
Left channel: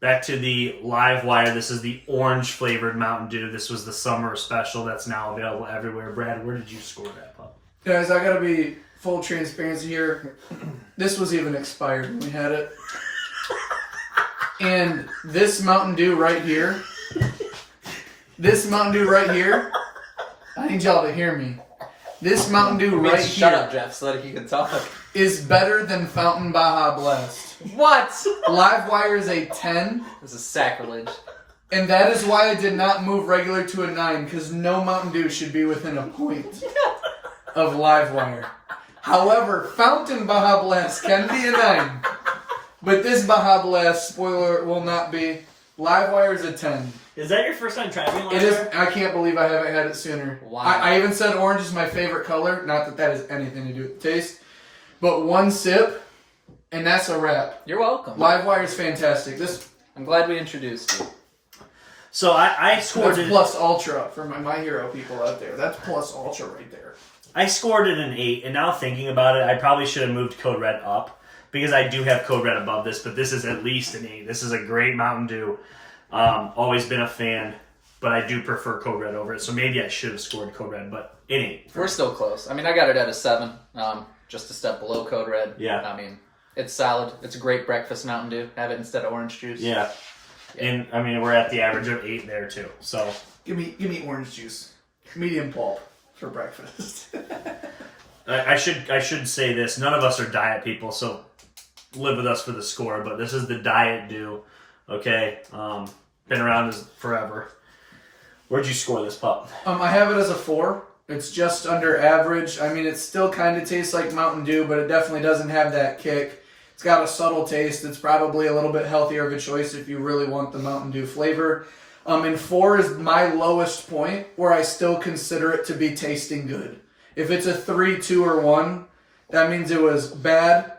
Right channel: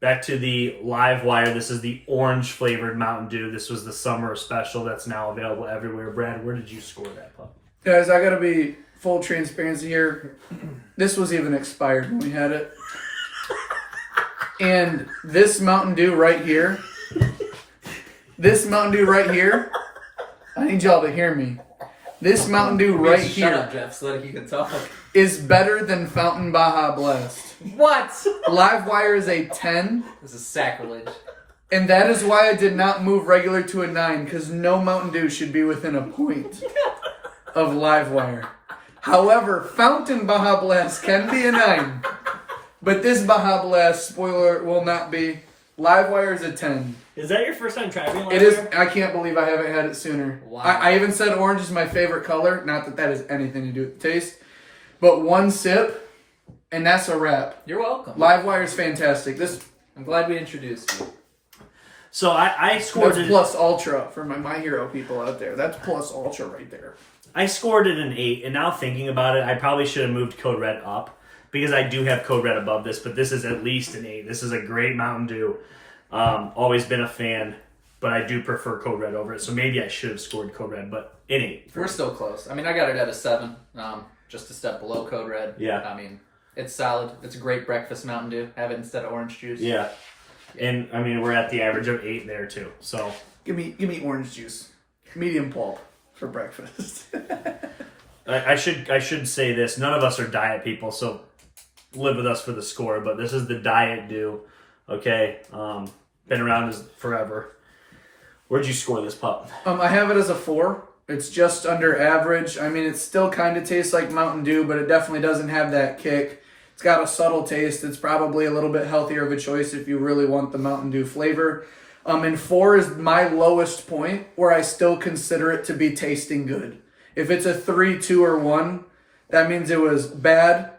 Back to the LiveWire. This is the orange-flavored Mountain Dew. This was the summer special that's now available everywhere. Brad, where did you score that, pup? Guys, I gotta be full transparency here. This was even expired when we had it. And this Mountain Dew right here, I need y'all to hear me. This Mountain Dew right Shut here up, Jeff, so that you can talk. is better than Fountain Baja Blast. What? LiveWire is a 10. It was a sacrilege. And that is why I did not move regular to a 9, because no Mountain Dew should be within a point of LiveWire. However, Fountain Baja Blast can be a 9. But this Baja Blast, spoiler, will not be. LiveWire is a 10. Is that your first time trying LiveWire? It is. I can't believe I haven't had it sooner. Wow. I even said orange is my favorite color. Not that that has anything to do with the taste. But one sip, and that's a wrap. You're welcome. LiveWire is fantastic. I'm glad we introduced you. So I scored That's it. plus ultra for my hero people out there. That's plus ultra right there. I scored it an 8, and now thinking about it, I probably should have moved Code Red up because I do have Code Red above this, but this is at least an 8. This is a great Mountain Dew. Always been a fan, but I do prefer Code Red over it, so maybe I should have scored Code Red, but an 8. We're still close. I mean, I got it at a 7, just a step below Code Red. Yeah. I mean, it's solid. It's a great breakfast Mountain Dew. Have it instead of orange juice. Yeah. And, I mean, we're at the average of 8 there, too, so. Give me orange juice, medium pulp for breakfast. I should say this. None of us are diet people, so live with us for the score, but this is the Diet Dew, okay? Been around forever. Where'd you score this, pup? I have it as a 4. It's just under average. I mean, it still kind of tastes like Mountain Dew, but it definitely doesn't have that kick. It's got a subtle taste. It's probably a little bit healthier of a choice if you really want the Mountain Dew flavor. And 4 is my lowest point where I still consider it to be tasting good. If it's a 3, 2, or 1, that means it was bad,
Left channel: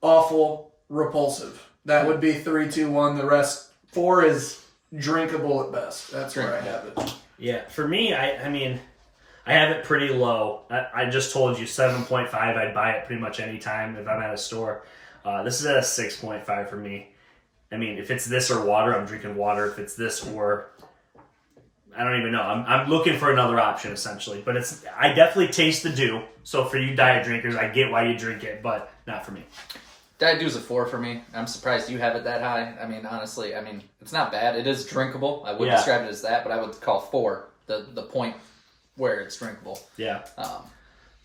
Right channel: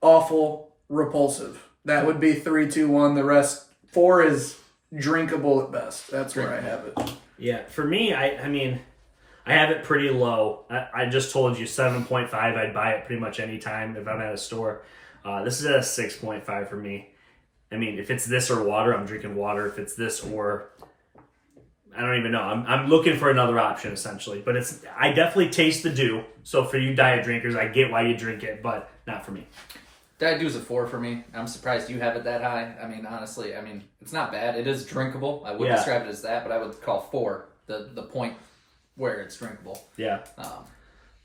awful, repulsive. That would be 3, 2, 1. The rest, 4 is drinkable at best. That's where I have it. Yeah, for me, I mean, I have it pretty low. I just told you 7.5. I'd buy it pretty much any time if I'm at a store. This is at a 6.5 for me. I mean, if it's this or water, I'm drinking water. If it's this or, I don't even know. I'm looking for another option, essentially. But I definitely taste the dew. So for you diet drinkers, I get why you drink it, but not for me. Diet Dew's a 4 for me. I'm surprised you have it that high. I mean, honestly, it's not bad. It is drinkable. I would describe it as that, but I would call 4 the point where it's drinkable. Yeah.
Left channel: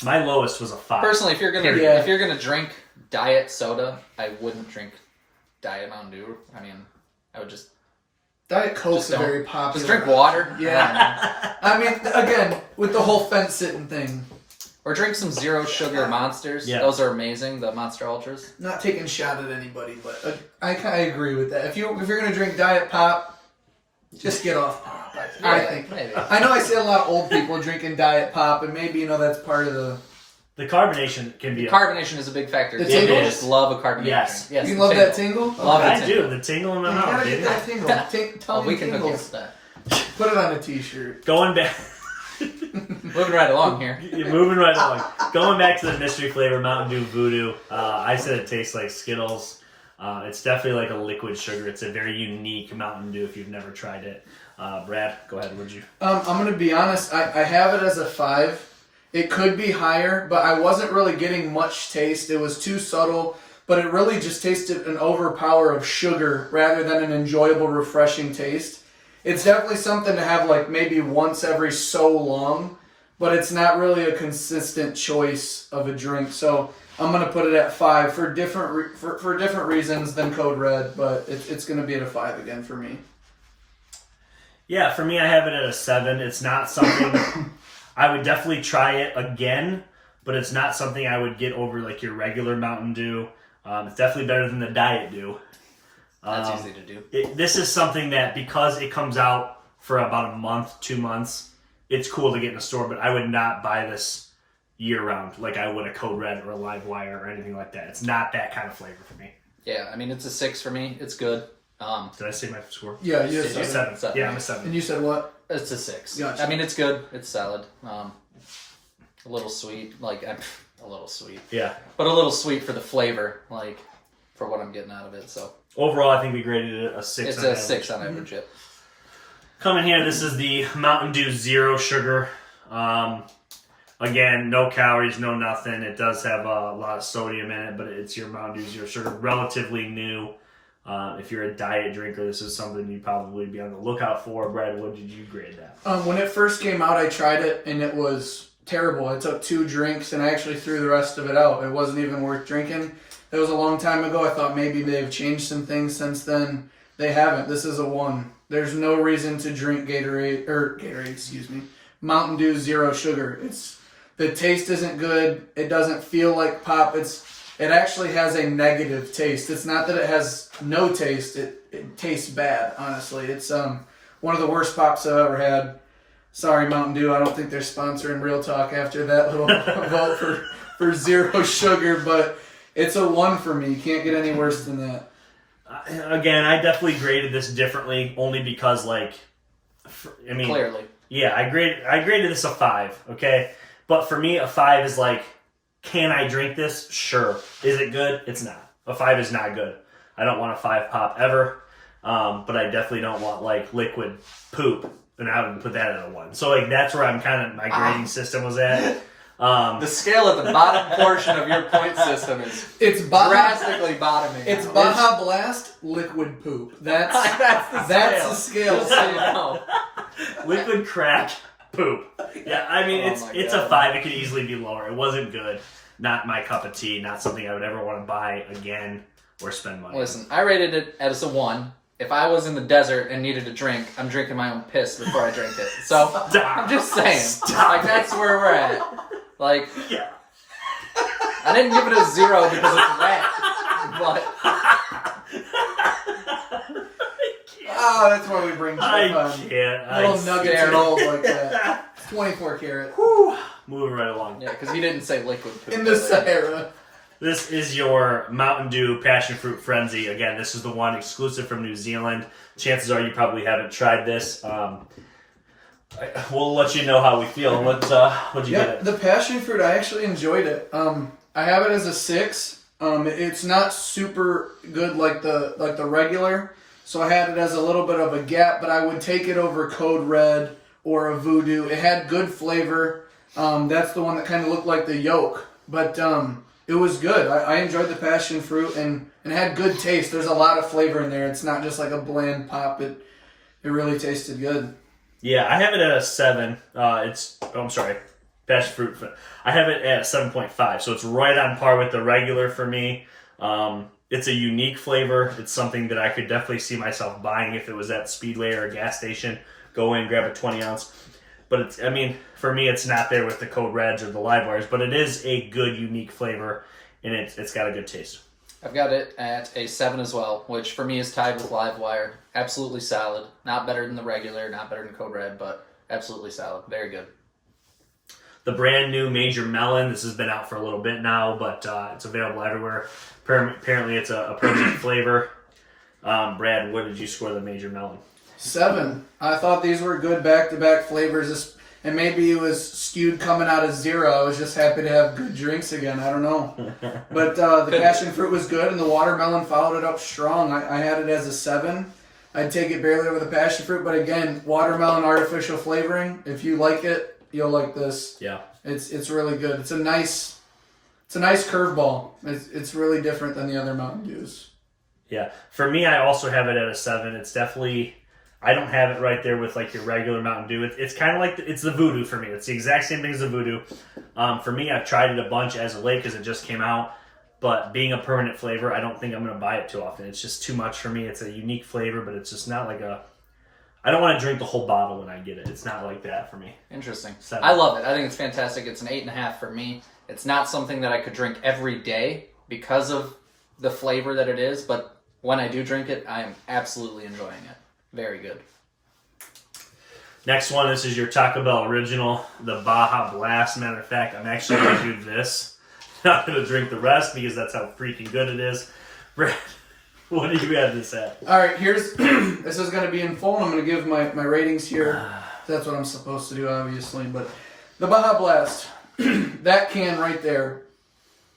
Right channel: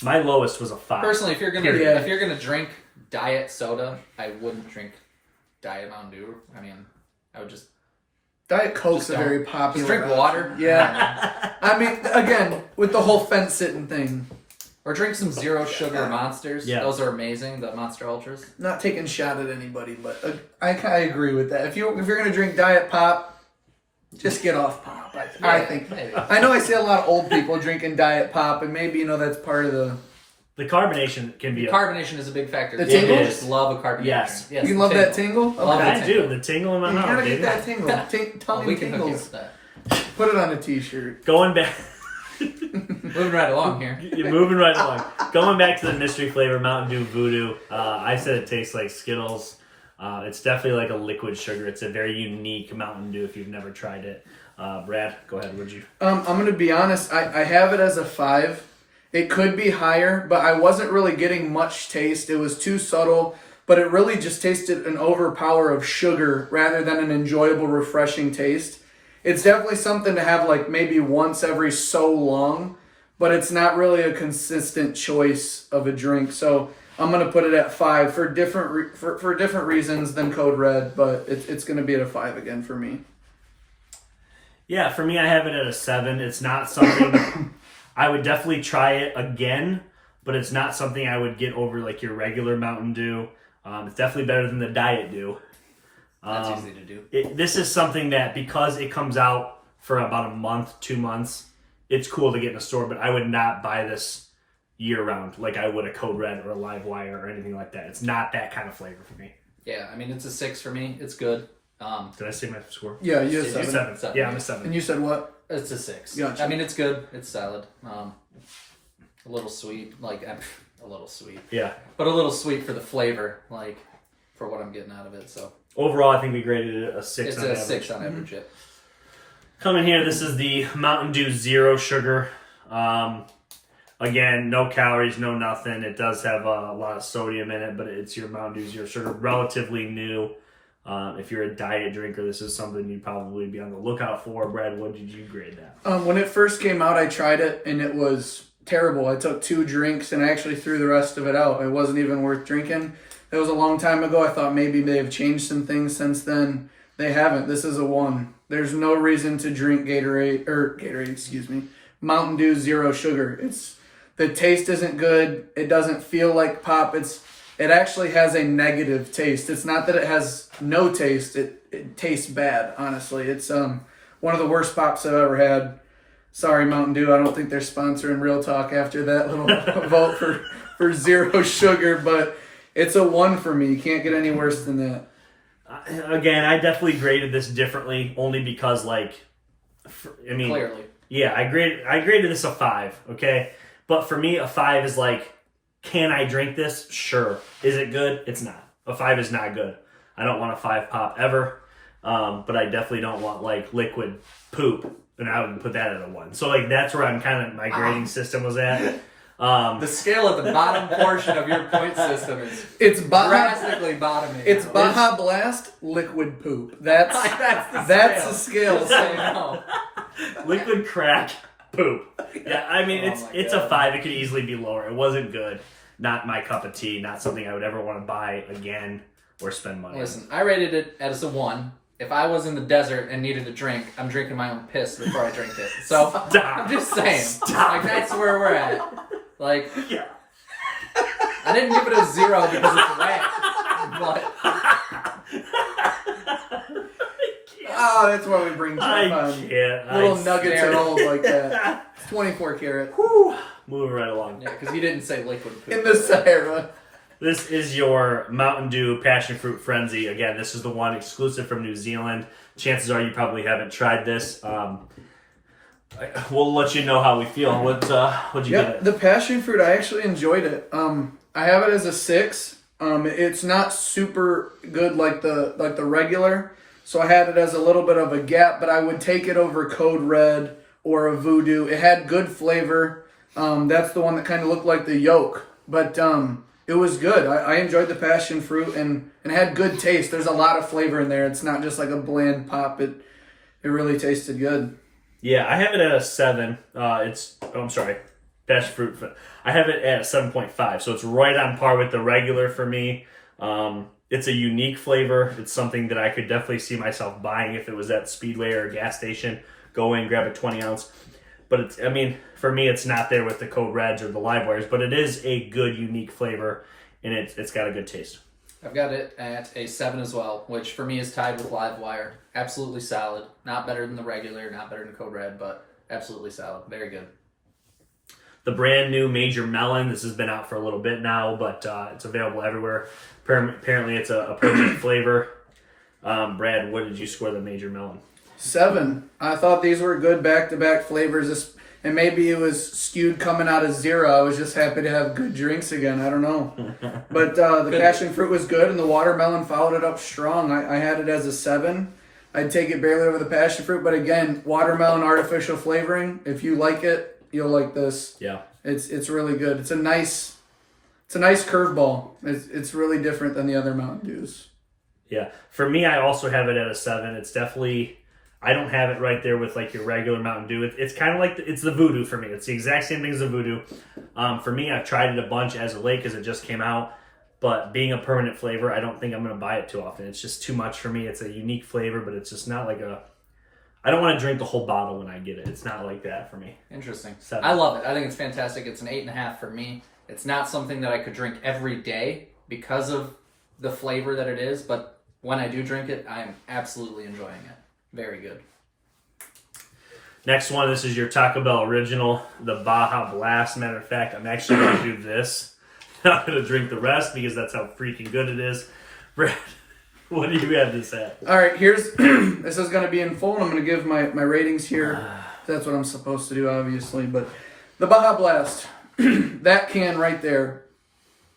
My lowest was a 5. Personally, if you're gonna drink diet soda, I wouldn't drink Diet Mountain Dew. I mean, I would just Diet Coke's Just a very popular. Just drink water. Yeah. I mean, again, with the whole fence sitting thing. Or drink some zero sugar monsters. Yeah. Those are amazing, the Monster Ultras. Not taking a shot at anybody, but I agree with that. If you're gonna drink Diet Pop, just get off pop. I think. Maybe. I know I see a lot of old people drinking Diet Pop, and maybe that's part of the. The carbonation can be. Carbonation is a big factor. The People tingle? just love a carbonation. Yes. You love that tingle? Love I it. do. The tingle in my You mouth, gotta baby. get that tingle. Tell Well, me we can hook you up tingles. with that. Put it on a t-shirt. Going back. Moving right along here. You're moving right along. Going back to the mystery flavor Mountain Dew VooDew. I said it tastes like Skittles. It's definitely like a liquid sugar. It's a very unique Mountain Dew if you've never tried it. Brad, go ahead. Would you? I'm going to be honest. I have it as a 5. It could be higher, but I wasn't really getting much taste. It was too subtle, but it really just tasted an overpower of sugar rather than an enjoyable, refreshing taste. It's definitely something to have like maybe once every so long, but it's not really a consistent choice of a drink. So I'm going to put it at 5 for different for different reasons than Code Red, but it's going to be at a 5 again for me. Yeah, for me, I have it at a 7. It's not something I would definitely try it again, but it's not something I would get over like your regular Mountain Dew. It's definitely better than the Diet Dew. That's easy to do. This is something that because it comes out for about a month, 2 months, it's cool to get in a store, but I would not buy this year round like I would a Code Red or a LiveWire or anything like that. It's not that kind of flavor for me. Yeah, I mean, it's a 6 for me. It's good. Did I say my score? Yeah, you It's said 7. 7. Yeah, I'm a 7. And you said what? It's a 6. Gotcha. I mean, it's good. It's solid. A little sweet. A little sweet. Yeah. But a little sweet for the flavor, for what I'm getting out of it. So Overall, I think we graded it a 6 it's on a average. 6 on average. Yep. Coming here, this is the Mountain Dew Zero Sugar. Again, no calories, no nothing. It does have a lot of sodium in it, but it's your Mountain Dew Zero Sugar. Relatively new. If you're a diet drinker, this is something you'd probably be on the lookout for. Brad, what did you grade that? When it first came out, I tried it, and it was terrible. I took 2 drinks, and I actually threw the rest of it out. It wasn't even worth drinking. That was a long time ago. I thought maybe they've changed some things since then. They haven't. This is a 1. There's no reason to drink Mountain Dew Zero Sugar. The taste isn't good. It doesn't feel like pop. It actually has a negative taste. It's not that it has no taste. It tastes bad, honestly. It's one of the worst pops I've ever had. Sorry, Mountain Dew. I don't think they're sponsoring Real Talk after that little vote for Zero Sugar, but it's a 1 for me. You can't get any worse than that. Again, I definitely graded this differently, only because, Clearly. yeah, I graded this a 5, okay? But for me, a 5 is can I drink this? Sure. Is it good? It's not. A 5 is not good. I don't want a 5 pop ever, but I definitely don't want, liquid poop, and I would put that at a 1. So, that's where my grading system was at. The scale at the bottom portion of your point system is It's drastically bottoming. It's out. Baja Blast liquid poop. That's the scale. Just so you know. Liquid crack poop. Yeah, I mean, Oh my it's God. a 5. It could easily be lower. It wasn't good. Not my cup of tea. Not something I would ever want to buy again or spend money on. Listen, I rated it as a 1. If I was in the desert and needed a drink, I'm drinking my own piss before I drink it. So Stop. I'm just saying, Stop that's where we're at. Yeah. I didn't give it a 0 because it's wet, but Oh, that's why we bring I Jeff can't. on. Little nuggets scared. are old like that. 24 karat. Whew. Moving right along. yeah, because you didn't say liquid poop. In the Sahara. This is your Mountain Dew Passion Fruit Frenzy. Again, this is the one exclusive from New Zealand. Chances are you probably haven't tried this. We'll let you know how we feel. What'd you give it? The passion fruit, I actually enjoyed it. I have it as a 6. It's not super good like the regular, so I had it as a little bit of a gap, but I would take it over Code Red or a VooDew. It had good flavor. That's the one that kind of looked like the yolk, but it was good. I enjoyed the passion fruit and it had good taste. There's a lot of flavor in there. It's not just like a bland pop. It really tasted good. Yeah, I have it at a 7. I'm sorry, passion fruit. I have it at 7.5, so it's right on par with the regular for me. It's a unique flavor. It's something that I could definitely see myself buying if it was at Speedway or a gas station. Go in, grab a 20 ounce. But it's, I mean, for me, it's not there with the Code Reds or the LiveWires, but it is a good, unique flavor, and it's got a good taste. I've got it at a 7 as well, which for me is tied with LiveWire. Absolutely solid. Not better than the regular, not better than Code Red, but absolutely solid. Very good. The brand new Major Melon. This has been out for a little bit now, but it's available everywhere. Apparently, it's a permanent flavor. Brad, what did you score the Major Melon? 7. I thought these were good back-to-back flavors, and maybe it was skewed coming out of 0. I was just happy to have good drinks again. I don't know. But the passion fruit was good, and the watermelon followed it up strong. I had it as a 7. I'd take it barely over the passion fruit, but again, watermelon artificial flavoring. If you like it, you'll like this. Yeah. It's really good. It's a nice curveball. It's really different than the other Mountain Dews. Yeah. For me, I also have it at a 7. It's definitely, I don't have it right there with like your regular Mountain Dew. It's kind of like, it's the VooDew for me. It's the exact same thing as the VooDew. For me, I've tried it a bunch as of late because it just came out. But being a permanent flavor, I don't think I'm going to buy it too often. It's just too much for me. It's a unique flavor, but it's just not like a, I don't want to drink the whole bottle when I get it. It's not like that for me. Interesting. 7. I love it. I think it's fantastic. It's an 8.5 for me. It's not something that I could drink every day because of the flavor that it is, but when I do drink it, I am absolutely enjoying it. Very good. Next one, this is your Taco Bell original, the Baja Blast. Matter of fact, I'm actually going to do this. I'm not going to drink the rest because that's how freaking good it is. Brad, what do you have this at? All right, here's this is going to be in full, and I'm going to give my ratings here. That's what I'm supposed to do, obviously. But the Baja Blast, that can right there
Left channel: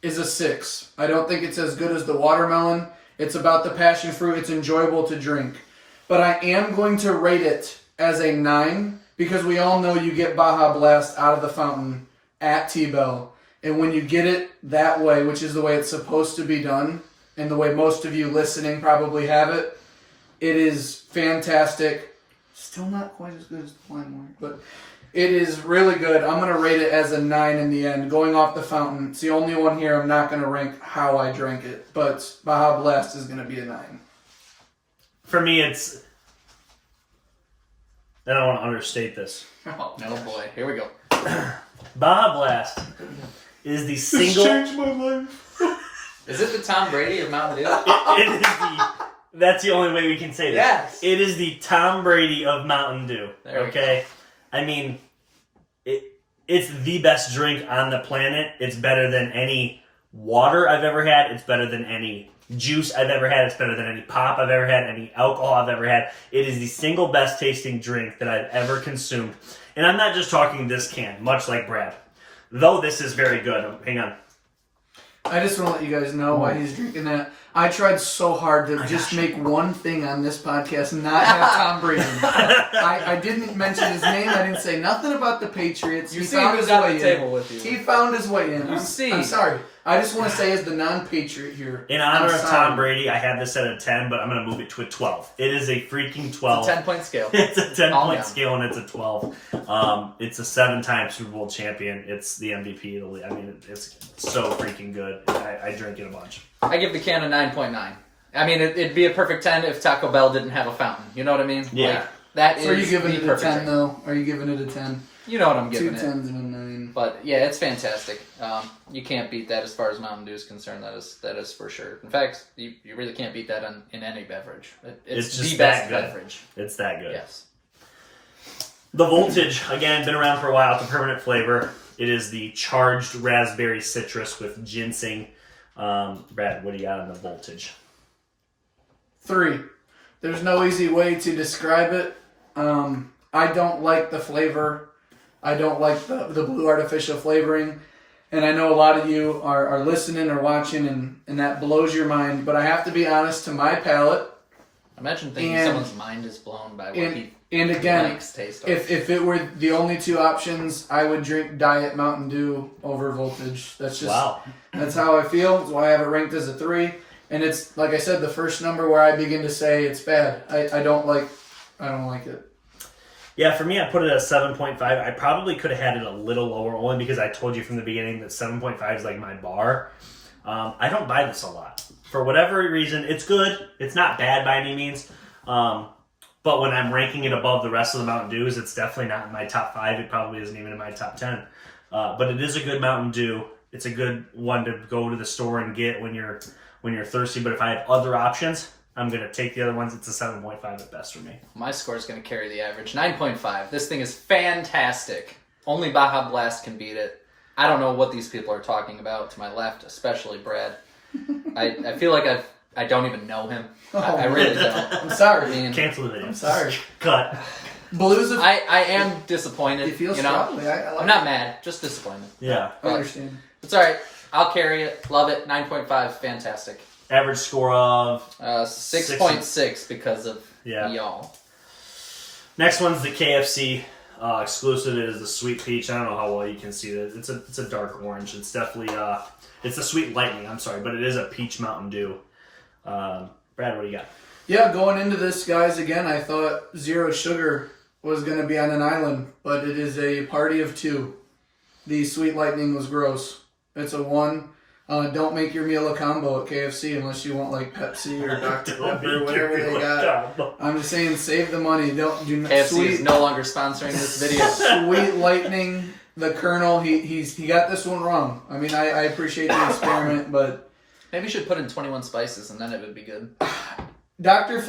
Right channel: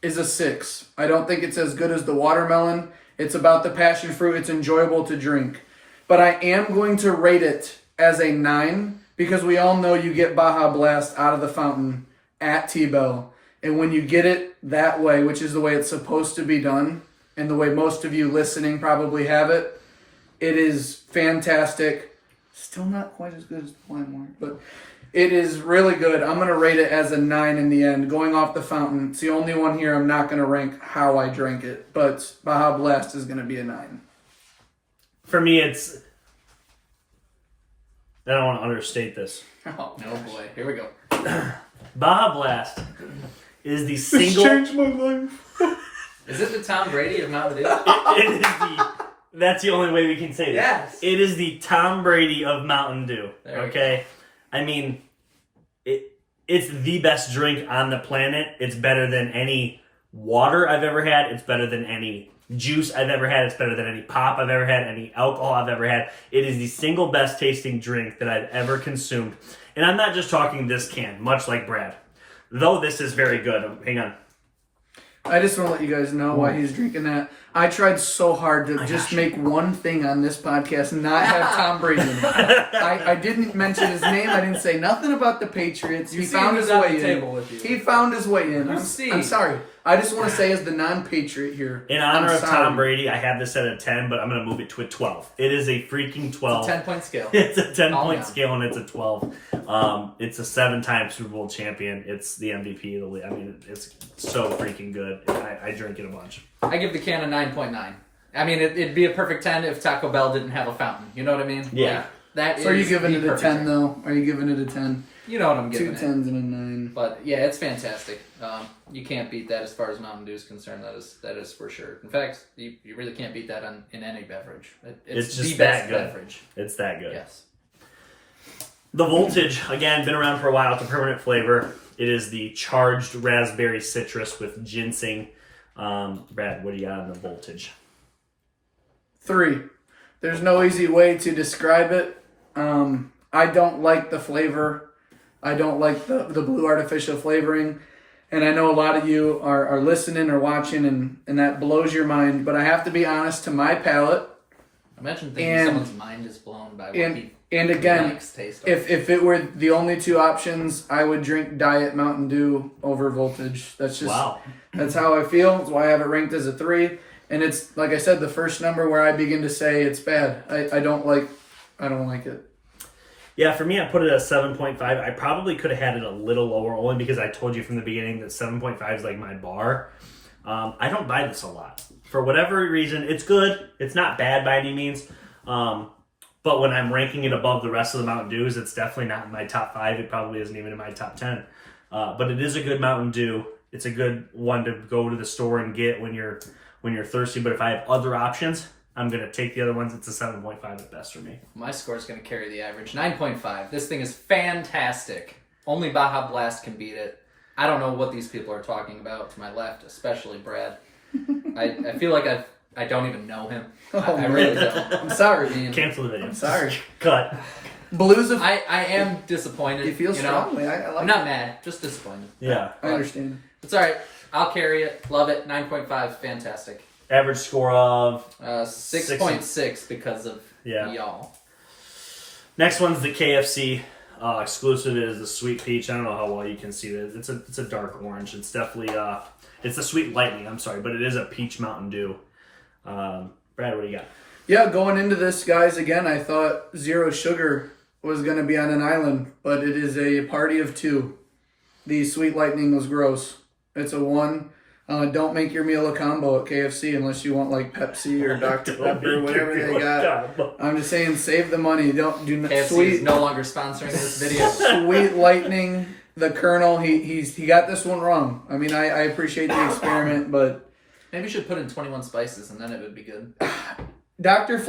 is a 6. I don't think it's as good as the watermelon. It's about the passion fruit. It's enjoyable to drink. But I am going to rate it as a 9 because we all know you get Baja Blast out of the fountain at T-Bell. And when you get it that way, which is the way it's supposed to be done, and the way most of you listening probably have it, it is fantastic. Still not quite as good as the plain one, but it is really good. I'm going to rate it as a 9 in the end, going off the fountain. It's the only one here I'm not going to rank how I drank it, but Baja Blast is going to be a 9. For me, it's, I don't want to understate this. Oh, no boy. Here we go. Baja Blast is the single... This changed my life. Is it the Tom Brady of Mountain Dew? It is the... That's the only way we can say this. Yes. It is the Tom Brady of Mountain Dew. Okay? I mean, it's the best drink on the planet. It's better than any water I've ever had. It's better than any juice I've ever had. It's better than any pop I've ever had, any alcohol I've ever had. It is the single best tasting drink that I've ever consumed. And I'm not just talking this can, much like Brad. Though this is very good. Hang on. I just want to let you guys know why he's drinking that. I tried so hard to just make one thing on this podcast and not have Tom Brady in it. I didn't mention his name. I didn't say nothing about the Patriots. He found his way in. He found his way in. I'm sorry. I just want to say as the non-Patriot here. In honor of Tom Brady, I have this at a 10, but I'm going to move it to a 12. It is a freaking 12. It's a 10-point scale. It's a 10-point scale, and it's a 12. It's a 7-time Super Bowl champion. It's the MVP of the league. I mean, it's so freaking good. I drink it a bunch. I give the can a 9.9. I mean, it'd be a perfect 10 if Taco Bell didn't have a fountain. You know what I mean? Yeah. Like, that So are you giving it a 10, 10 though? Are you giving it a 10? You know what I'm 2 giving 10s it. and a 9. But yeah, it's fantastic. You can't beat that as far as Mountain Dew is concerned. That is for sure. In fact, you really can't beat that in any beverage. It's just the that best good. beverage. It's that good. Yes. The Voltage, again, been around for a while. It's a permanent flavor. It is the charged raspberry citrus with ginseng. Brad, what do you got on the Voltage? 3. There's no easy way to describe it. I don't like the flavor. I don't like the blue artificial flavoring. And I know a lot of you are listening or watching and that blows your mind. But I have to be honest, to my palate. Imagine thinking someone's mind is blown by what he and again, likes taste of. if it were the only 2 options, I would drink Diet Mountain Dew over Voltage. That's just That's how I feel. That's why I have it ranked as a 3. And it's, like I said, the first number where I begin to say it's bad. I don't like it. Yeah, for me, I put it at 7.5. I probably could have had it a little lower, only because I told you from the beginning that 7.5 is like my bar. I don't buy this a lot. For whatever reason, it's good. It's not bad by any means. But when I'm ranking it above the rest of the Mountain Dews, it's definitely not in my top 5. It probably isn't even in my top 10. But it is a good Mountain Dew. It's a good one to go to the store and get when you're thirsty. But if I have other options, I'm going to take the other ones. It's a 7.5 at best for me. My score is going to carry the average. 9.5. This thing is fantastic. Only Baja Blast can beat it. I don't know what these people are talking about to my left, especially Brad. I feel like I don't even know him. I really don't. I'm sorry. Cancel the video. I'm sorry. Cut. Blues of... I am disappointed. You feel strongly. I like I'm not mad, just disappointed. Yeah. I understand. It's alright. I'll carry it. Love it. 9.5. Fantastic. Average score of 6.6 because of y'all. Next one's the KFC exclusive. It is the Sweet Peach. I don't know how well you can see it. It's a dark orange. It's definitely it's the Sweet Lightning. I'm sorry, but it is a peach Mountain Dew. Brad, what do you got? Yeah, going into this, guys, again, I thought zero sugar was going to be on an island, but it is a party of 2. The Sweet Lightning was gross. It's a 1. Don't make your meal a combo at KFC unless you want like Pepsi or Dr. Pepper, whatever they got. I'm just saying, save the money. Do not KFC is no longer sponsoring this video. Sweet Lightning, the Colonel, he got this one wrong. I mean, I appreciate the experiment, but maybe you should put in 21 spices and then it would be good. Dr.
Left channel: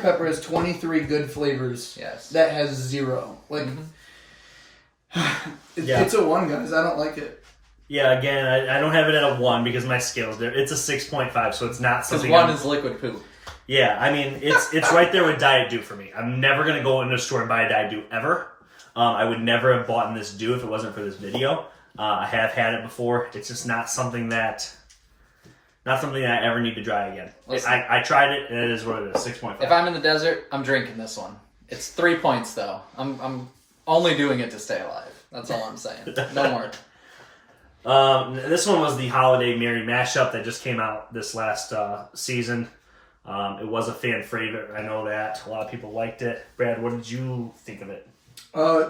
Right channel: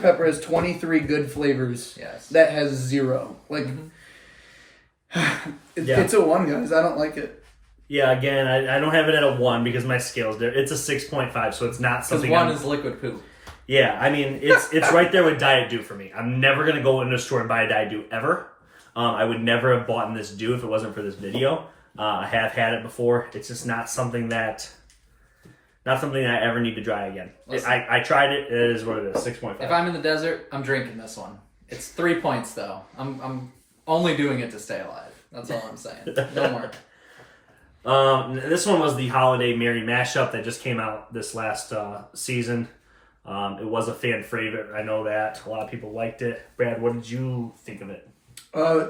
Pepper has 23 good flavors. Yes. That has 0. Like, it's a 1, guys. I don't like it. Yeah, again, I don't have it at a 1 because my scale's there. It's a 6.5, so it's not something. Because 1 is liquid poop. Yeah, I mean, it's right there with Diet Dew for me. I'm never going to go into a store and buy a Diet Dew ever. I would never have bought this Dew if it wasn't for this video. I have had it before. It's just not something that I ever need to try again. I tried it. It is what it is, 6.5. If I'm in the desert, I'm drinking this one. It's 3 points, though. I'm only doing it to stay alive. That's all I'm saying. No more. This one was the Holiday Merry Mashup that just came out this last season. It was a fan favorite. I know that. A lot of people liked it. Brad, what did you think of it?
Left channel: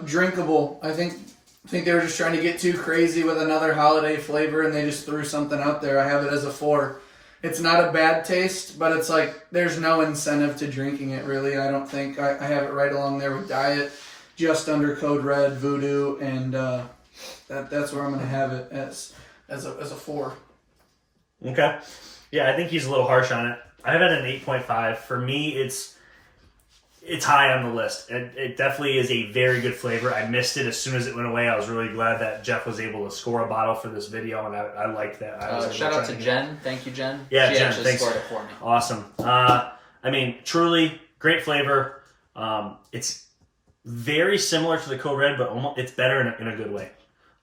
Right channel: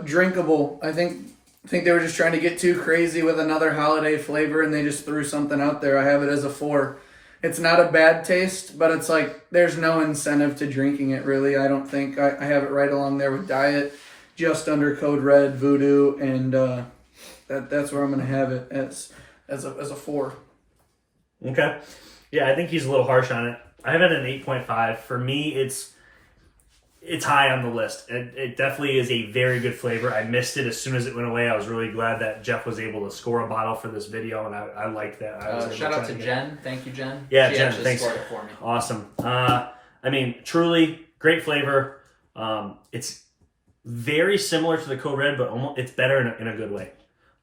Drinkable. I think they were just trying to get too crazy with another holiday flavor and they just threw something out there. I have it as a 4. It's not a bad taste, but it's like there's no incentive to drinking it, really. I don't think. I have it right along there with Diet, just under Code Red, VooDew, and that's where I'm going to have it as a 4. Okay. Yeah, I think he's a little harsh on it. I have it at an 8.5. For me, it's high on the list. It definitely is a very good flavor. I missed it as soon as it went away. I was really glad that Jeff was able to score a bottle for this video, and I liked that. Shout out to Jen. Thank you, Jen. Yeah, she Jen, thanks. Scored it for me. Awesome. I mean, truly great flavor. It's very similar to the Code Red, but it's better in a good way.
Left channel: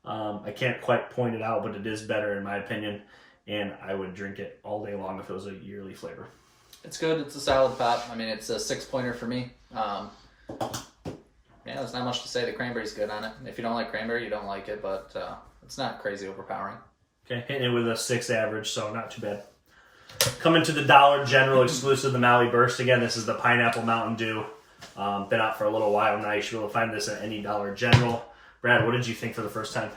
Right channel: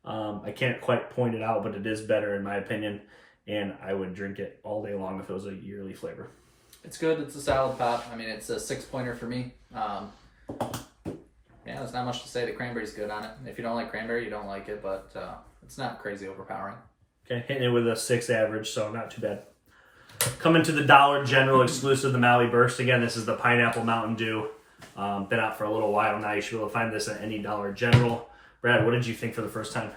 I can't quite point it out, but it is better in my opinion, and I would drink it all day long if it was a yearly flavor. It's good. It's a solid pop. I mean, it's a 6-pointer for me. There's not much to say. The cranberry's good on it. If you don't like cranberry, you don't like it, but it's not crazy overpowering. Okay, hitting it with a 6 average, so not too bad. Coming to the Dollar General exclusive, the Maui Burst. Again, this is the Pineapple Mountain Dew. Been out for a little while now. You should be able to find this at any Dollar General. Brad, what did you think for the first time?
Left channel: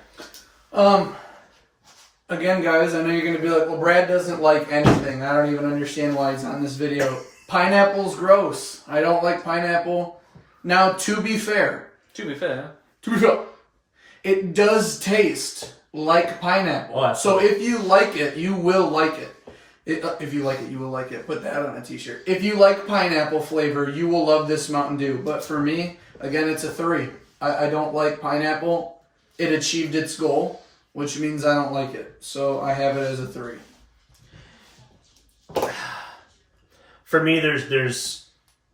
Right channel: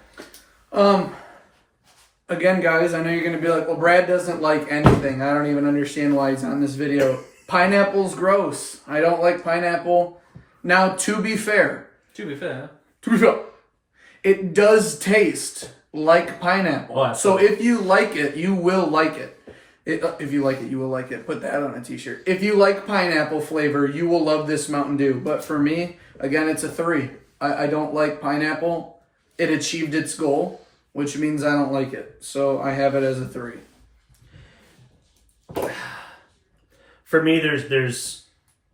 Again, guys, I know you're going to be like, well, Brad doesn't like anything. I don't even understand why he's on this video. Pineapple's gross. I don't like pineapple. Now, to be fair, it does taste like pineapple. Oh, so if you like it, you will like it. If you like it, you will like it. Put that on a t-shirt. If you like pineapple flavor, you will love this Mountain Dew. But for me, again, it's a 3. I don't like pineapple. It achieved its goal, which means I don't like it. So I have it as a 3. For me, there's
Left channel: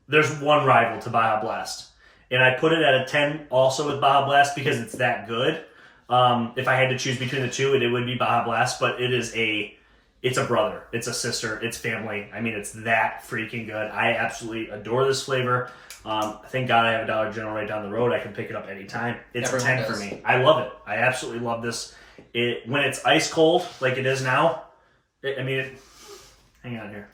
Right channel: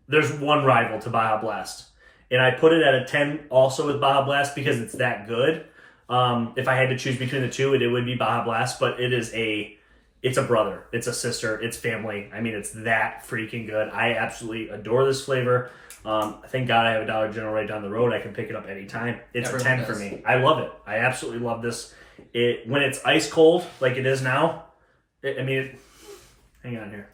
one rival to Baja Blast, and I put it at a 10 also with Baja Blast because it's that good. If I had to choose between the two, it would be Baja Blast, but it's a brother, it's a sister, it's family. I mean, it's that freaking good. I absolutely adore this flavor. Thank God I have a Dollar General right down the road. I can pick it up anytime. It's a 10 for me. I love it. I absolutely love this. When it's ice cold like it is now, hang on here.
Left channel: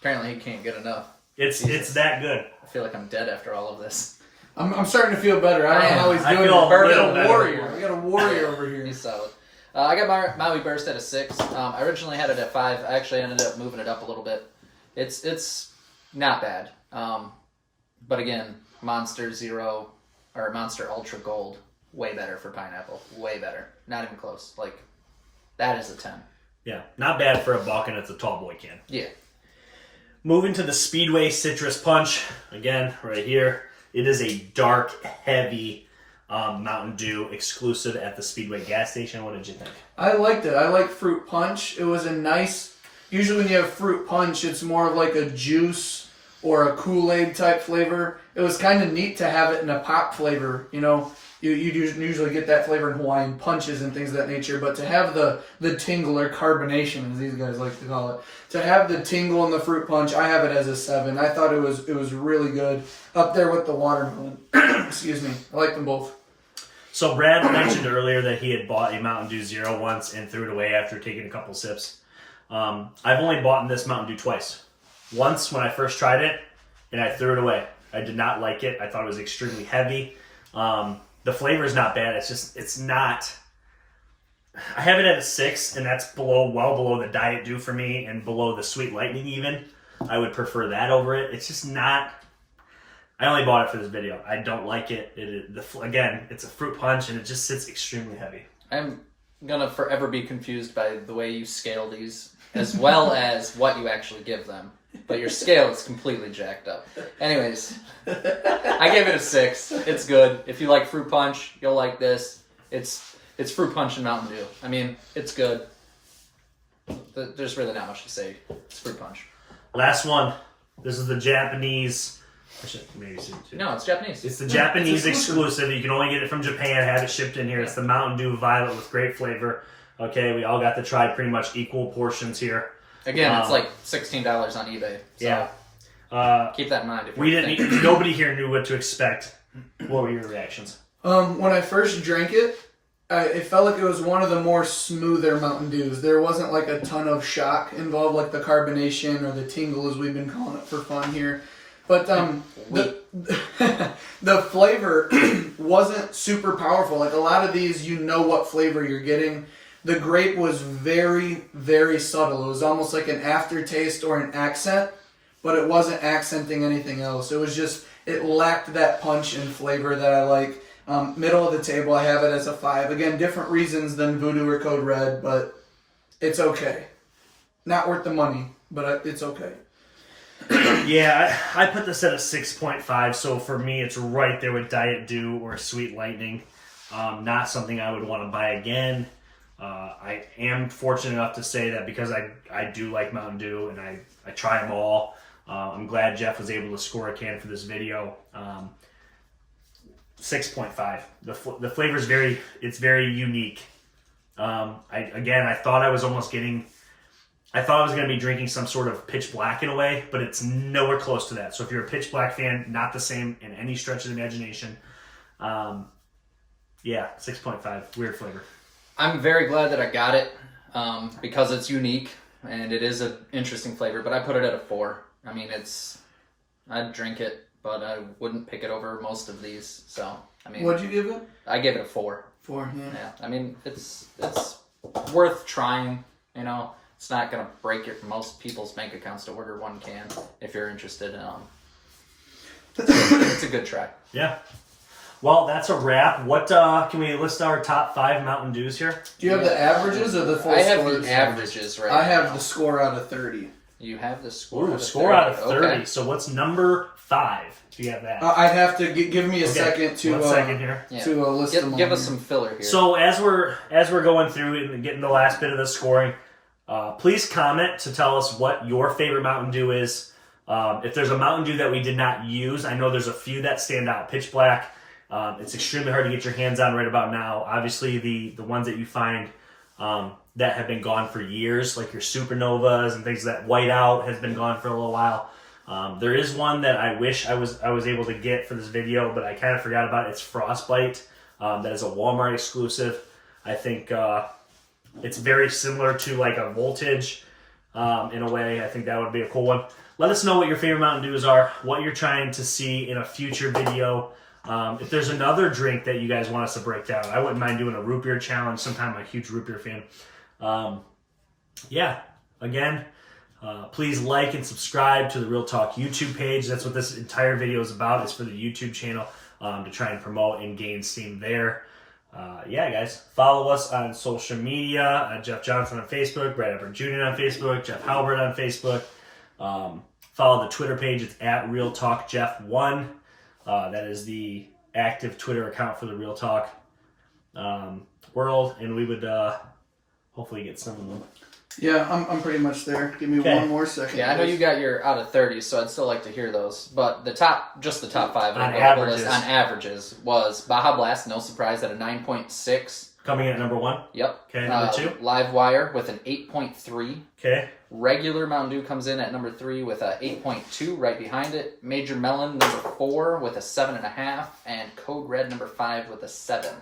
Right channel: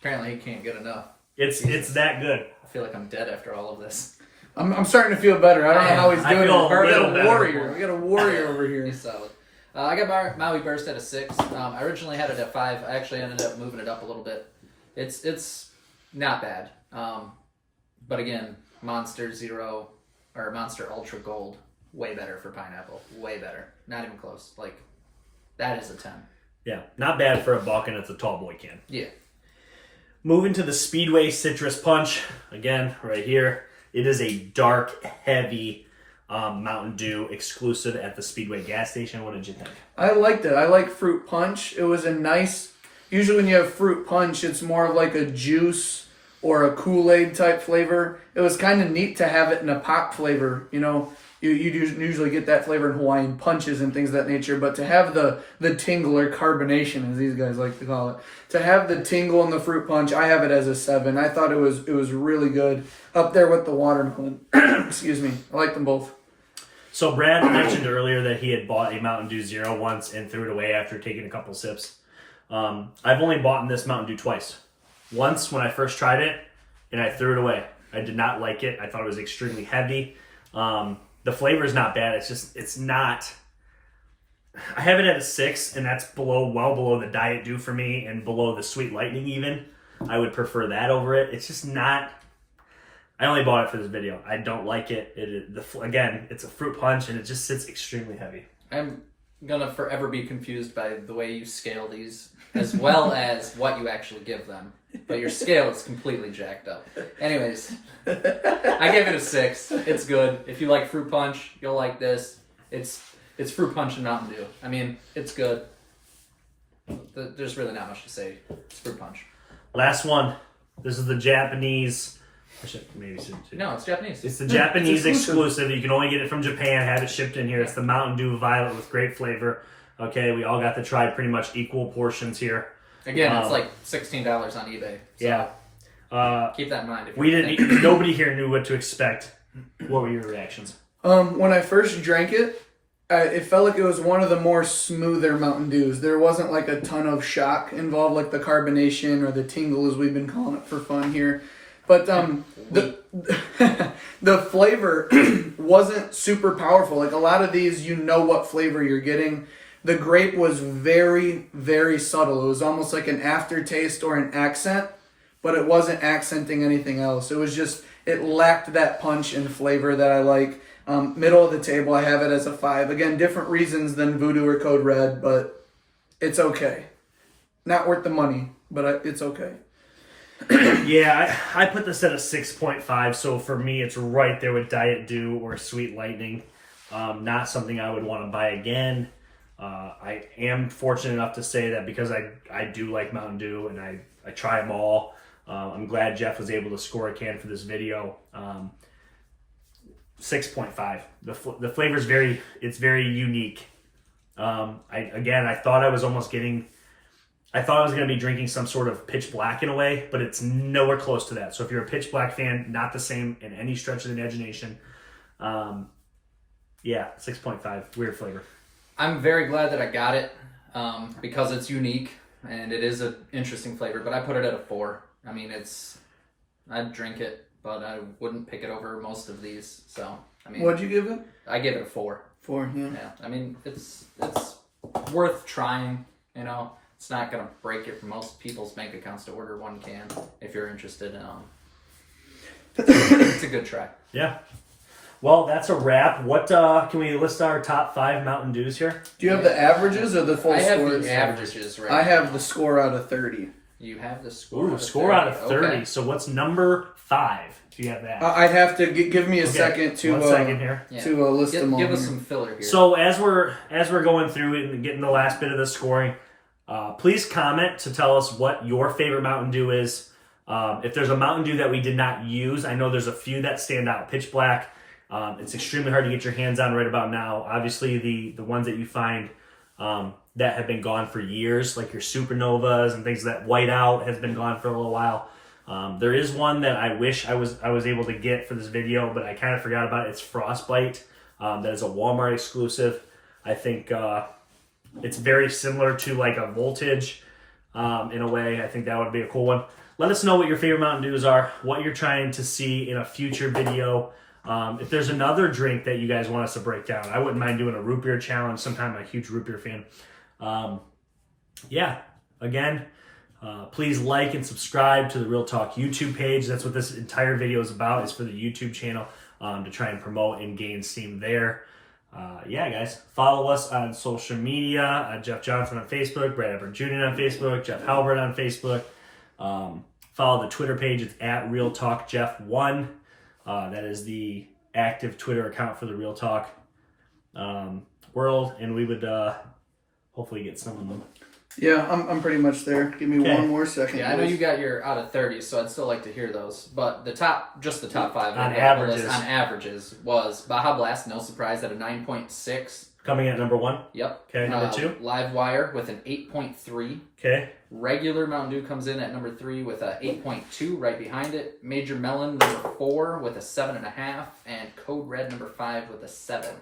Apparently he can't get enough. It's that good. I feel like I'm dead after all of this. I'm starting to feel better. I don't know how he's doing. I feel a little better. Warrior. We got a warrior over here. He's solid. I got Maui Burst at a 6. I originally had it at 5. I actually ended up moving it up a little bit. It's not bad. But again, Monster Zero or Monster Ultra Gold, way better for pineapple. Way better. Not even close. Like, that is a 10. Yeah, not bad for a buck, and it's a tall boy can. Yeah. Moving to the Speedway Citrus Punch. Again, right here. It is a dark, heavy Mountain Dew exclusive at the Speedway gas station. What did you think? I liked it. I like fruit punch. It was a nice... Usually when you have fruit punch, it's more of like a juice or a Kool-Aid type flavor. It was kind of neat to have it in a pop flavor. You know, you usually get that flavor in Hawaiian punches and things of that nature. But to have the tingle or carbonation, as these guys like to call it, to have the tingle in the fruit punch, I have it as a 7. I thought it was really good. Up there with the watermelon. Excuse me. I like them both. So Brad mentioned earlier that he had bought a Mountain Dew Zero once and threw it away after taking a couple sips. I've only bought this Mountain Dew twice. Once when I first tried it, and I threw it away. I did not like it. I thought it was extremely heavy. The flavor is not bad. It's not... I have it at a 6, and that's well below the Diet Dew for me, and below the Sweet Lightning even. I would prefer that over it. It's just not... I only bought it for this video. I don't like it. Again, it's a fruit punch, and it just sits extremely heavy. I'm gonna forever be confused by the way you scale these, as well as what you actually give them. But your scale is completely jacked up. Anyways, I gave it a 6. It's good. If you like fruit punch, you'll like this. It's fruit punch and Mountain Dew. I mean, it's good. There's really not much to say. It's fruit punch. Last one. This is the Japanese... I should maybe say No, it's Japanese. It's the Japanese exclusive. You can only get it from Japan, have it shipped in here. It's the Mountain Dew Violet with great flavor. Okay, we all got to try pretty much equal portions here. Again, it's like $16 on eBay. So yeah. Keep that in mind. Nobody here knew what to expect. What were your reactions? When I first drank it, it felt like it was one of the more smoother Mountain Dews. There wasn't like a ton of shock involved, like the carbonation or the tingle, as we've been calling it for fun here. But the flavor wasn't super powerful. Like a lot of these, you know what flavor you're getting. The grape was very, very subtle. It was almost like an aftertaste or an accent, but it wasn't accenting anything else. It was just, it lacked that punch and flavor that I like. Middle of the table, I have it as a 5. Again, different reasons than VooDew or Code Red, but it's okay. Not worth the money, but it's okay. Yeah, I put this at a 6.5, so for me it's right there with Diet Dew or Sweet Lightning. Not something I would want to buy again. I am fortunate enough to say that because I do like Mountain Dew and I try them all. I'm glad Jeff was able to score a can for this video. 6.5. The flavor is very unique. I thought I was going to be drinking some sort of Pitch Black in a way, but it's nowhere close to that. So if you're a Pitch Black fan, not the same in any stretch of the imagination. 6.5. Weird flavor. I'm very glad that I got it because it's unique and it is an interesting flavor, but I put it at a 4. I mean, I'd drink it, but I wouldn't pick it over most of these. So, I mean... What'd you give it? I gave it a 4. 4, yeah. Yeah, I mean, it's worth trying, you know. It's not going to break most people's bank accounts to order one can if you're interested. It's a good try. Yeah. Well, that's a wrap. What can we list our top 5 Mountain Dews here? Do you have the averages or the full scores? I have the averages right I now. have the score out of 30. You have the score. Ooh, score out of 30. Okay. So what's number 5? Do you have that? I'd have to give me a second to 1 second here. Yeah. to list them all. Give us here. some filler here. So as we're going through it and getting the last bit of the scoring, please comment to tell us what your favorite Mountain Dew is. If there's a Mountain Dew that we did not use, I know there's a few that stand out. Pitch Black, it's extremely hard to get your hands on right about now. Obviously, the ones that you find that have been gone for years, like your Supernovas and things that White Out has been gone for a little while. There is one that I wish I was able to get for this video, but I kind of forgot about it. It's Frostbite. That is a Walmart exclusive. I think it's very similar to like a Voltage in a way. I think that would be a cool one. Let us know what your favorite Mountain Dews are, what you're trying to see in a future video. If there's another drink that you guys want us to break down, I wouldn't mind doing a root beer challenge sometime. I'm a huge root beer fan. Yeah, again, please like and subscribe to the Real Talk YouTube page. That's what this entire video is about, is for the YouTube channel, to try and promote and gain steam there. Yeah, guys, follow us on social media. Jeff Johnson on Facebook, Brad Edward Jr. on Facebook, Jeff Halbert on Facebook. Follow the Twitter page. It's at Real Talk Jeff 1. That is the active Twitter account for the Real Talk world, and we would hopefully get some of them. Yeah, I'm pretty much there. Give me one more second. Yeah, I know you got your out of 30, so I'd still like to hear those. But the top 5 on averages was Baja Blast, no surprise, at a 9.6. Coming in at number 1. Yep. Okay, number 2. LiveWire with an 8.3. Okay. Regular Mountain Dew comes in at number 3 with a 8.2 right behind it. Major Melon number 4 with a 7.5, and Code Red number 5 with a 7.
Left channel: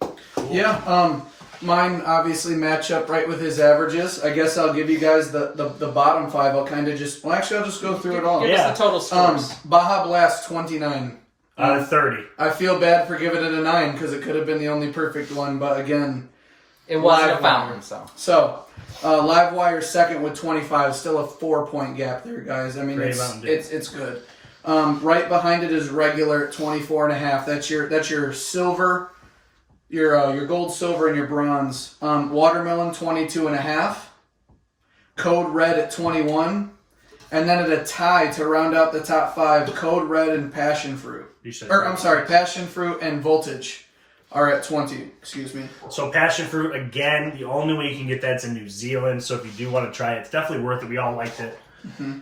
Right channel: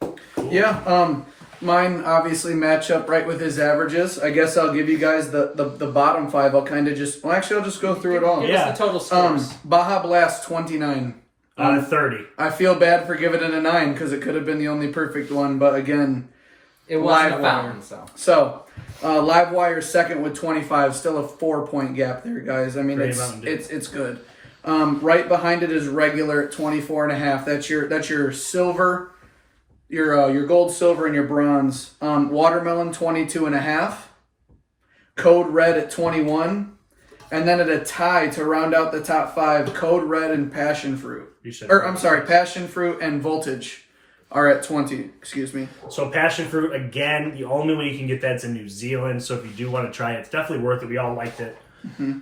Cool. Yeah, mine obviously match up right with his averages. I guess I'll give you guys the bottom 5. I'll kind of just, I'll just go through it all. Give us the total scores. Baja Blast 29. Out of 30. I feel bad for giving it a 9 because it could have been the only perfect one, but again, it wasn't a fountain, So, LiveWire second with 25, still a 4-point gap there, guys. I mean, it's good. Right behind it is regular at 24.5. That's your silver, your gold, silver, and your bronze. Watermelon 22.5. Code Red at 21. And then at a tie to round out the top 5, Code Red and Passion Fruit. Passion Fruit and Voltage are at 20. Excuse me. So Passion Fruit, again, the only way you can get that's in New Zealand. So if you do want to try it, it's definitely worth it. We all liked it. Mm-hmm.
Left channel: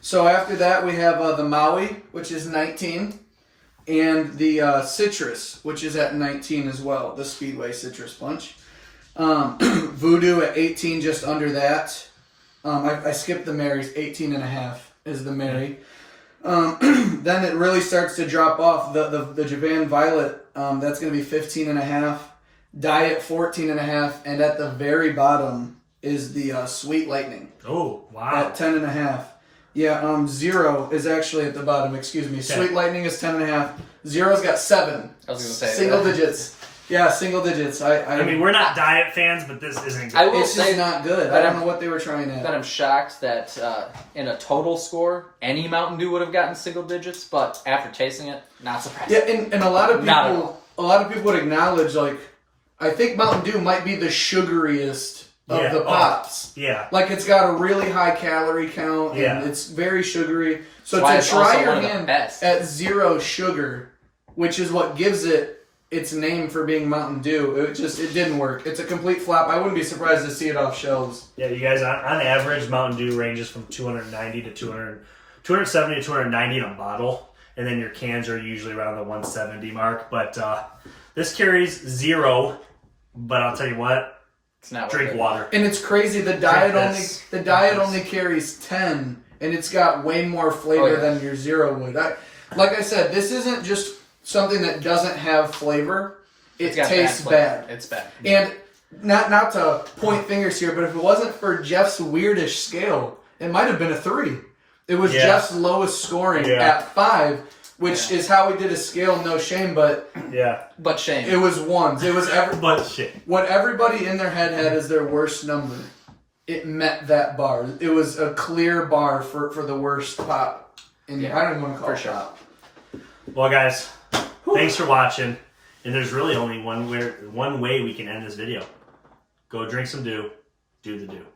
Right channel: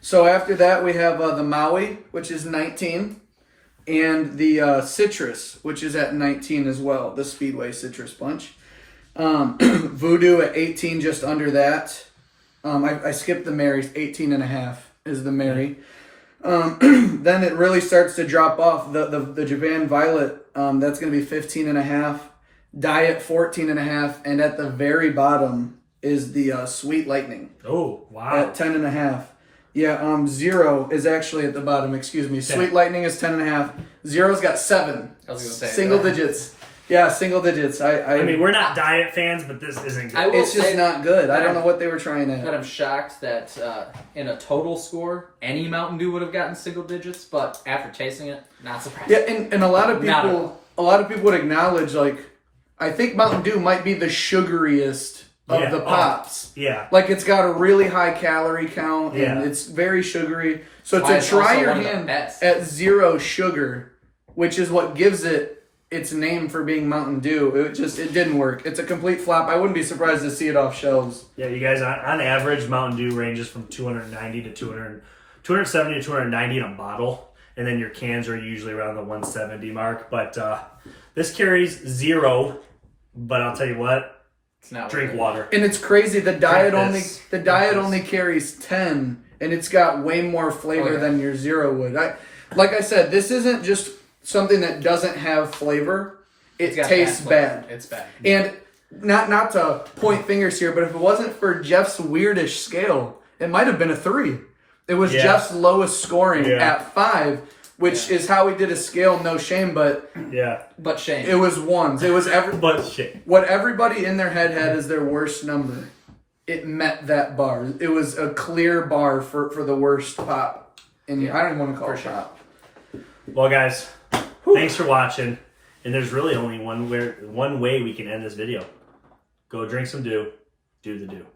So after that, we have the Maui, which is 19. And the Citrus, which is at 19 as well. The Speedway Citrus Bunch. VooDew at 18, just under that. I skipped the Marys. 18.5 is the Mary. Then it really starts to drop off. The Japan Violet, that's going to be 15.5. Diet 14.5, and at the very bottom is the Sweet Lightning. Oh, wow! At 10.5. Yeah, Zero is actually at the bottom. Excuse me. 10. Sweet Lightning is 10.5. Zero's got 7. I was going to say single digits. Yeah, single digits. I mean, we're not diet fans, but this isn't good. It's just not good. I don't know what they were trying at. But I'm shocked that in a total score, any Mountain Dew would have gotten single digits. But after tasting it, not surprised. Yeah, and a lot of people would acknowledge, like, I think Mountain Dew might be the sugariest of the pops. Yeah. Like, it's got a really high calorie count, and it's very sugary. So to try your hand at 0 sugar, which is what gives it its name for being Mountain Dew, it didn't work. It's a complete flop. I wouldn't be surprised to see it off shelves. Yeah, you guys, on average, Mountain Dew ranges from 290 to 270 to 290 in a bottle, and then your cans are usually around the 170 mark. But this carries 0, but I'll tell you what, it's not drink water. And it's crazy. The diet only carries 10, and it's got way more flavor than your 0 would. Like I said, this isn't just something that doesn't have flavor. It tastes bad. It's bad. And not to point fingers here, but if it wasn't for Jeff's weirdish scale, it might have been a 3. It was Jeff's lowest scoring at 5, which is how he did a scale. No shame, but shame. It was 1s. It was but shame. What everybody in their head had as their worst number. It met that bar. It was a clear bar for the worst pop. And I don't even want to call it pop. Well, guys, thanks for watching. And there's really only one way we can end this video. Go drink some dew. Do the dew.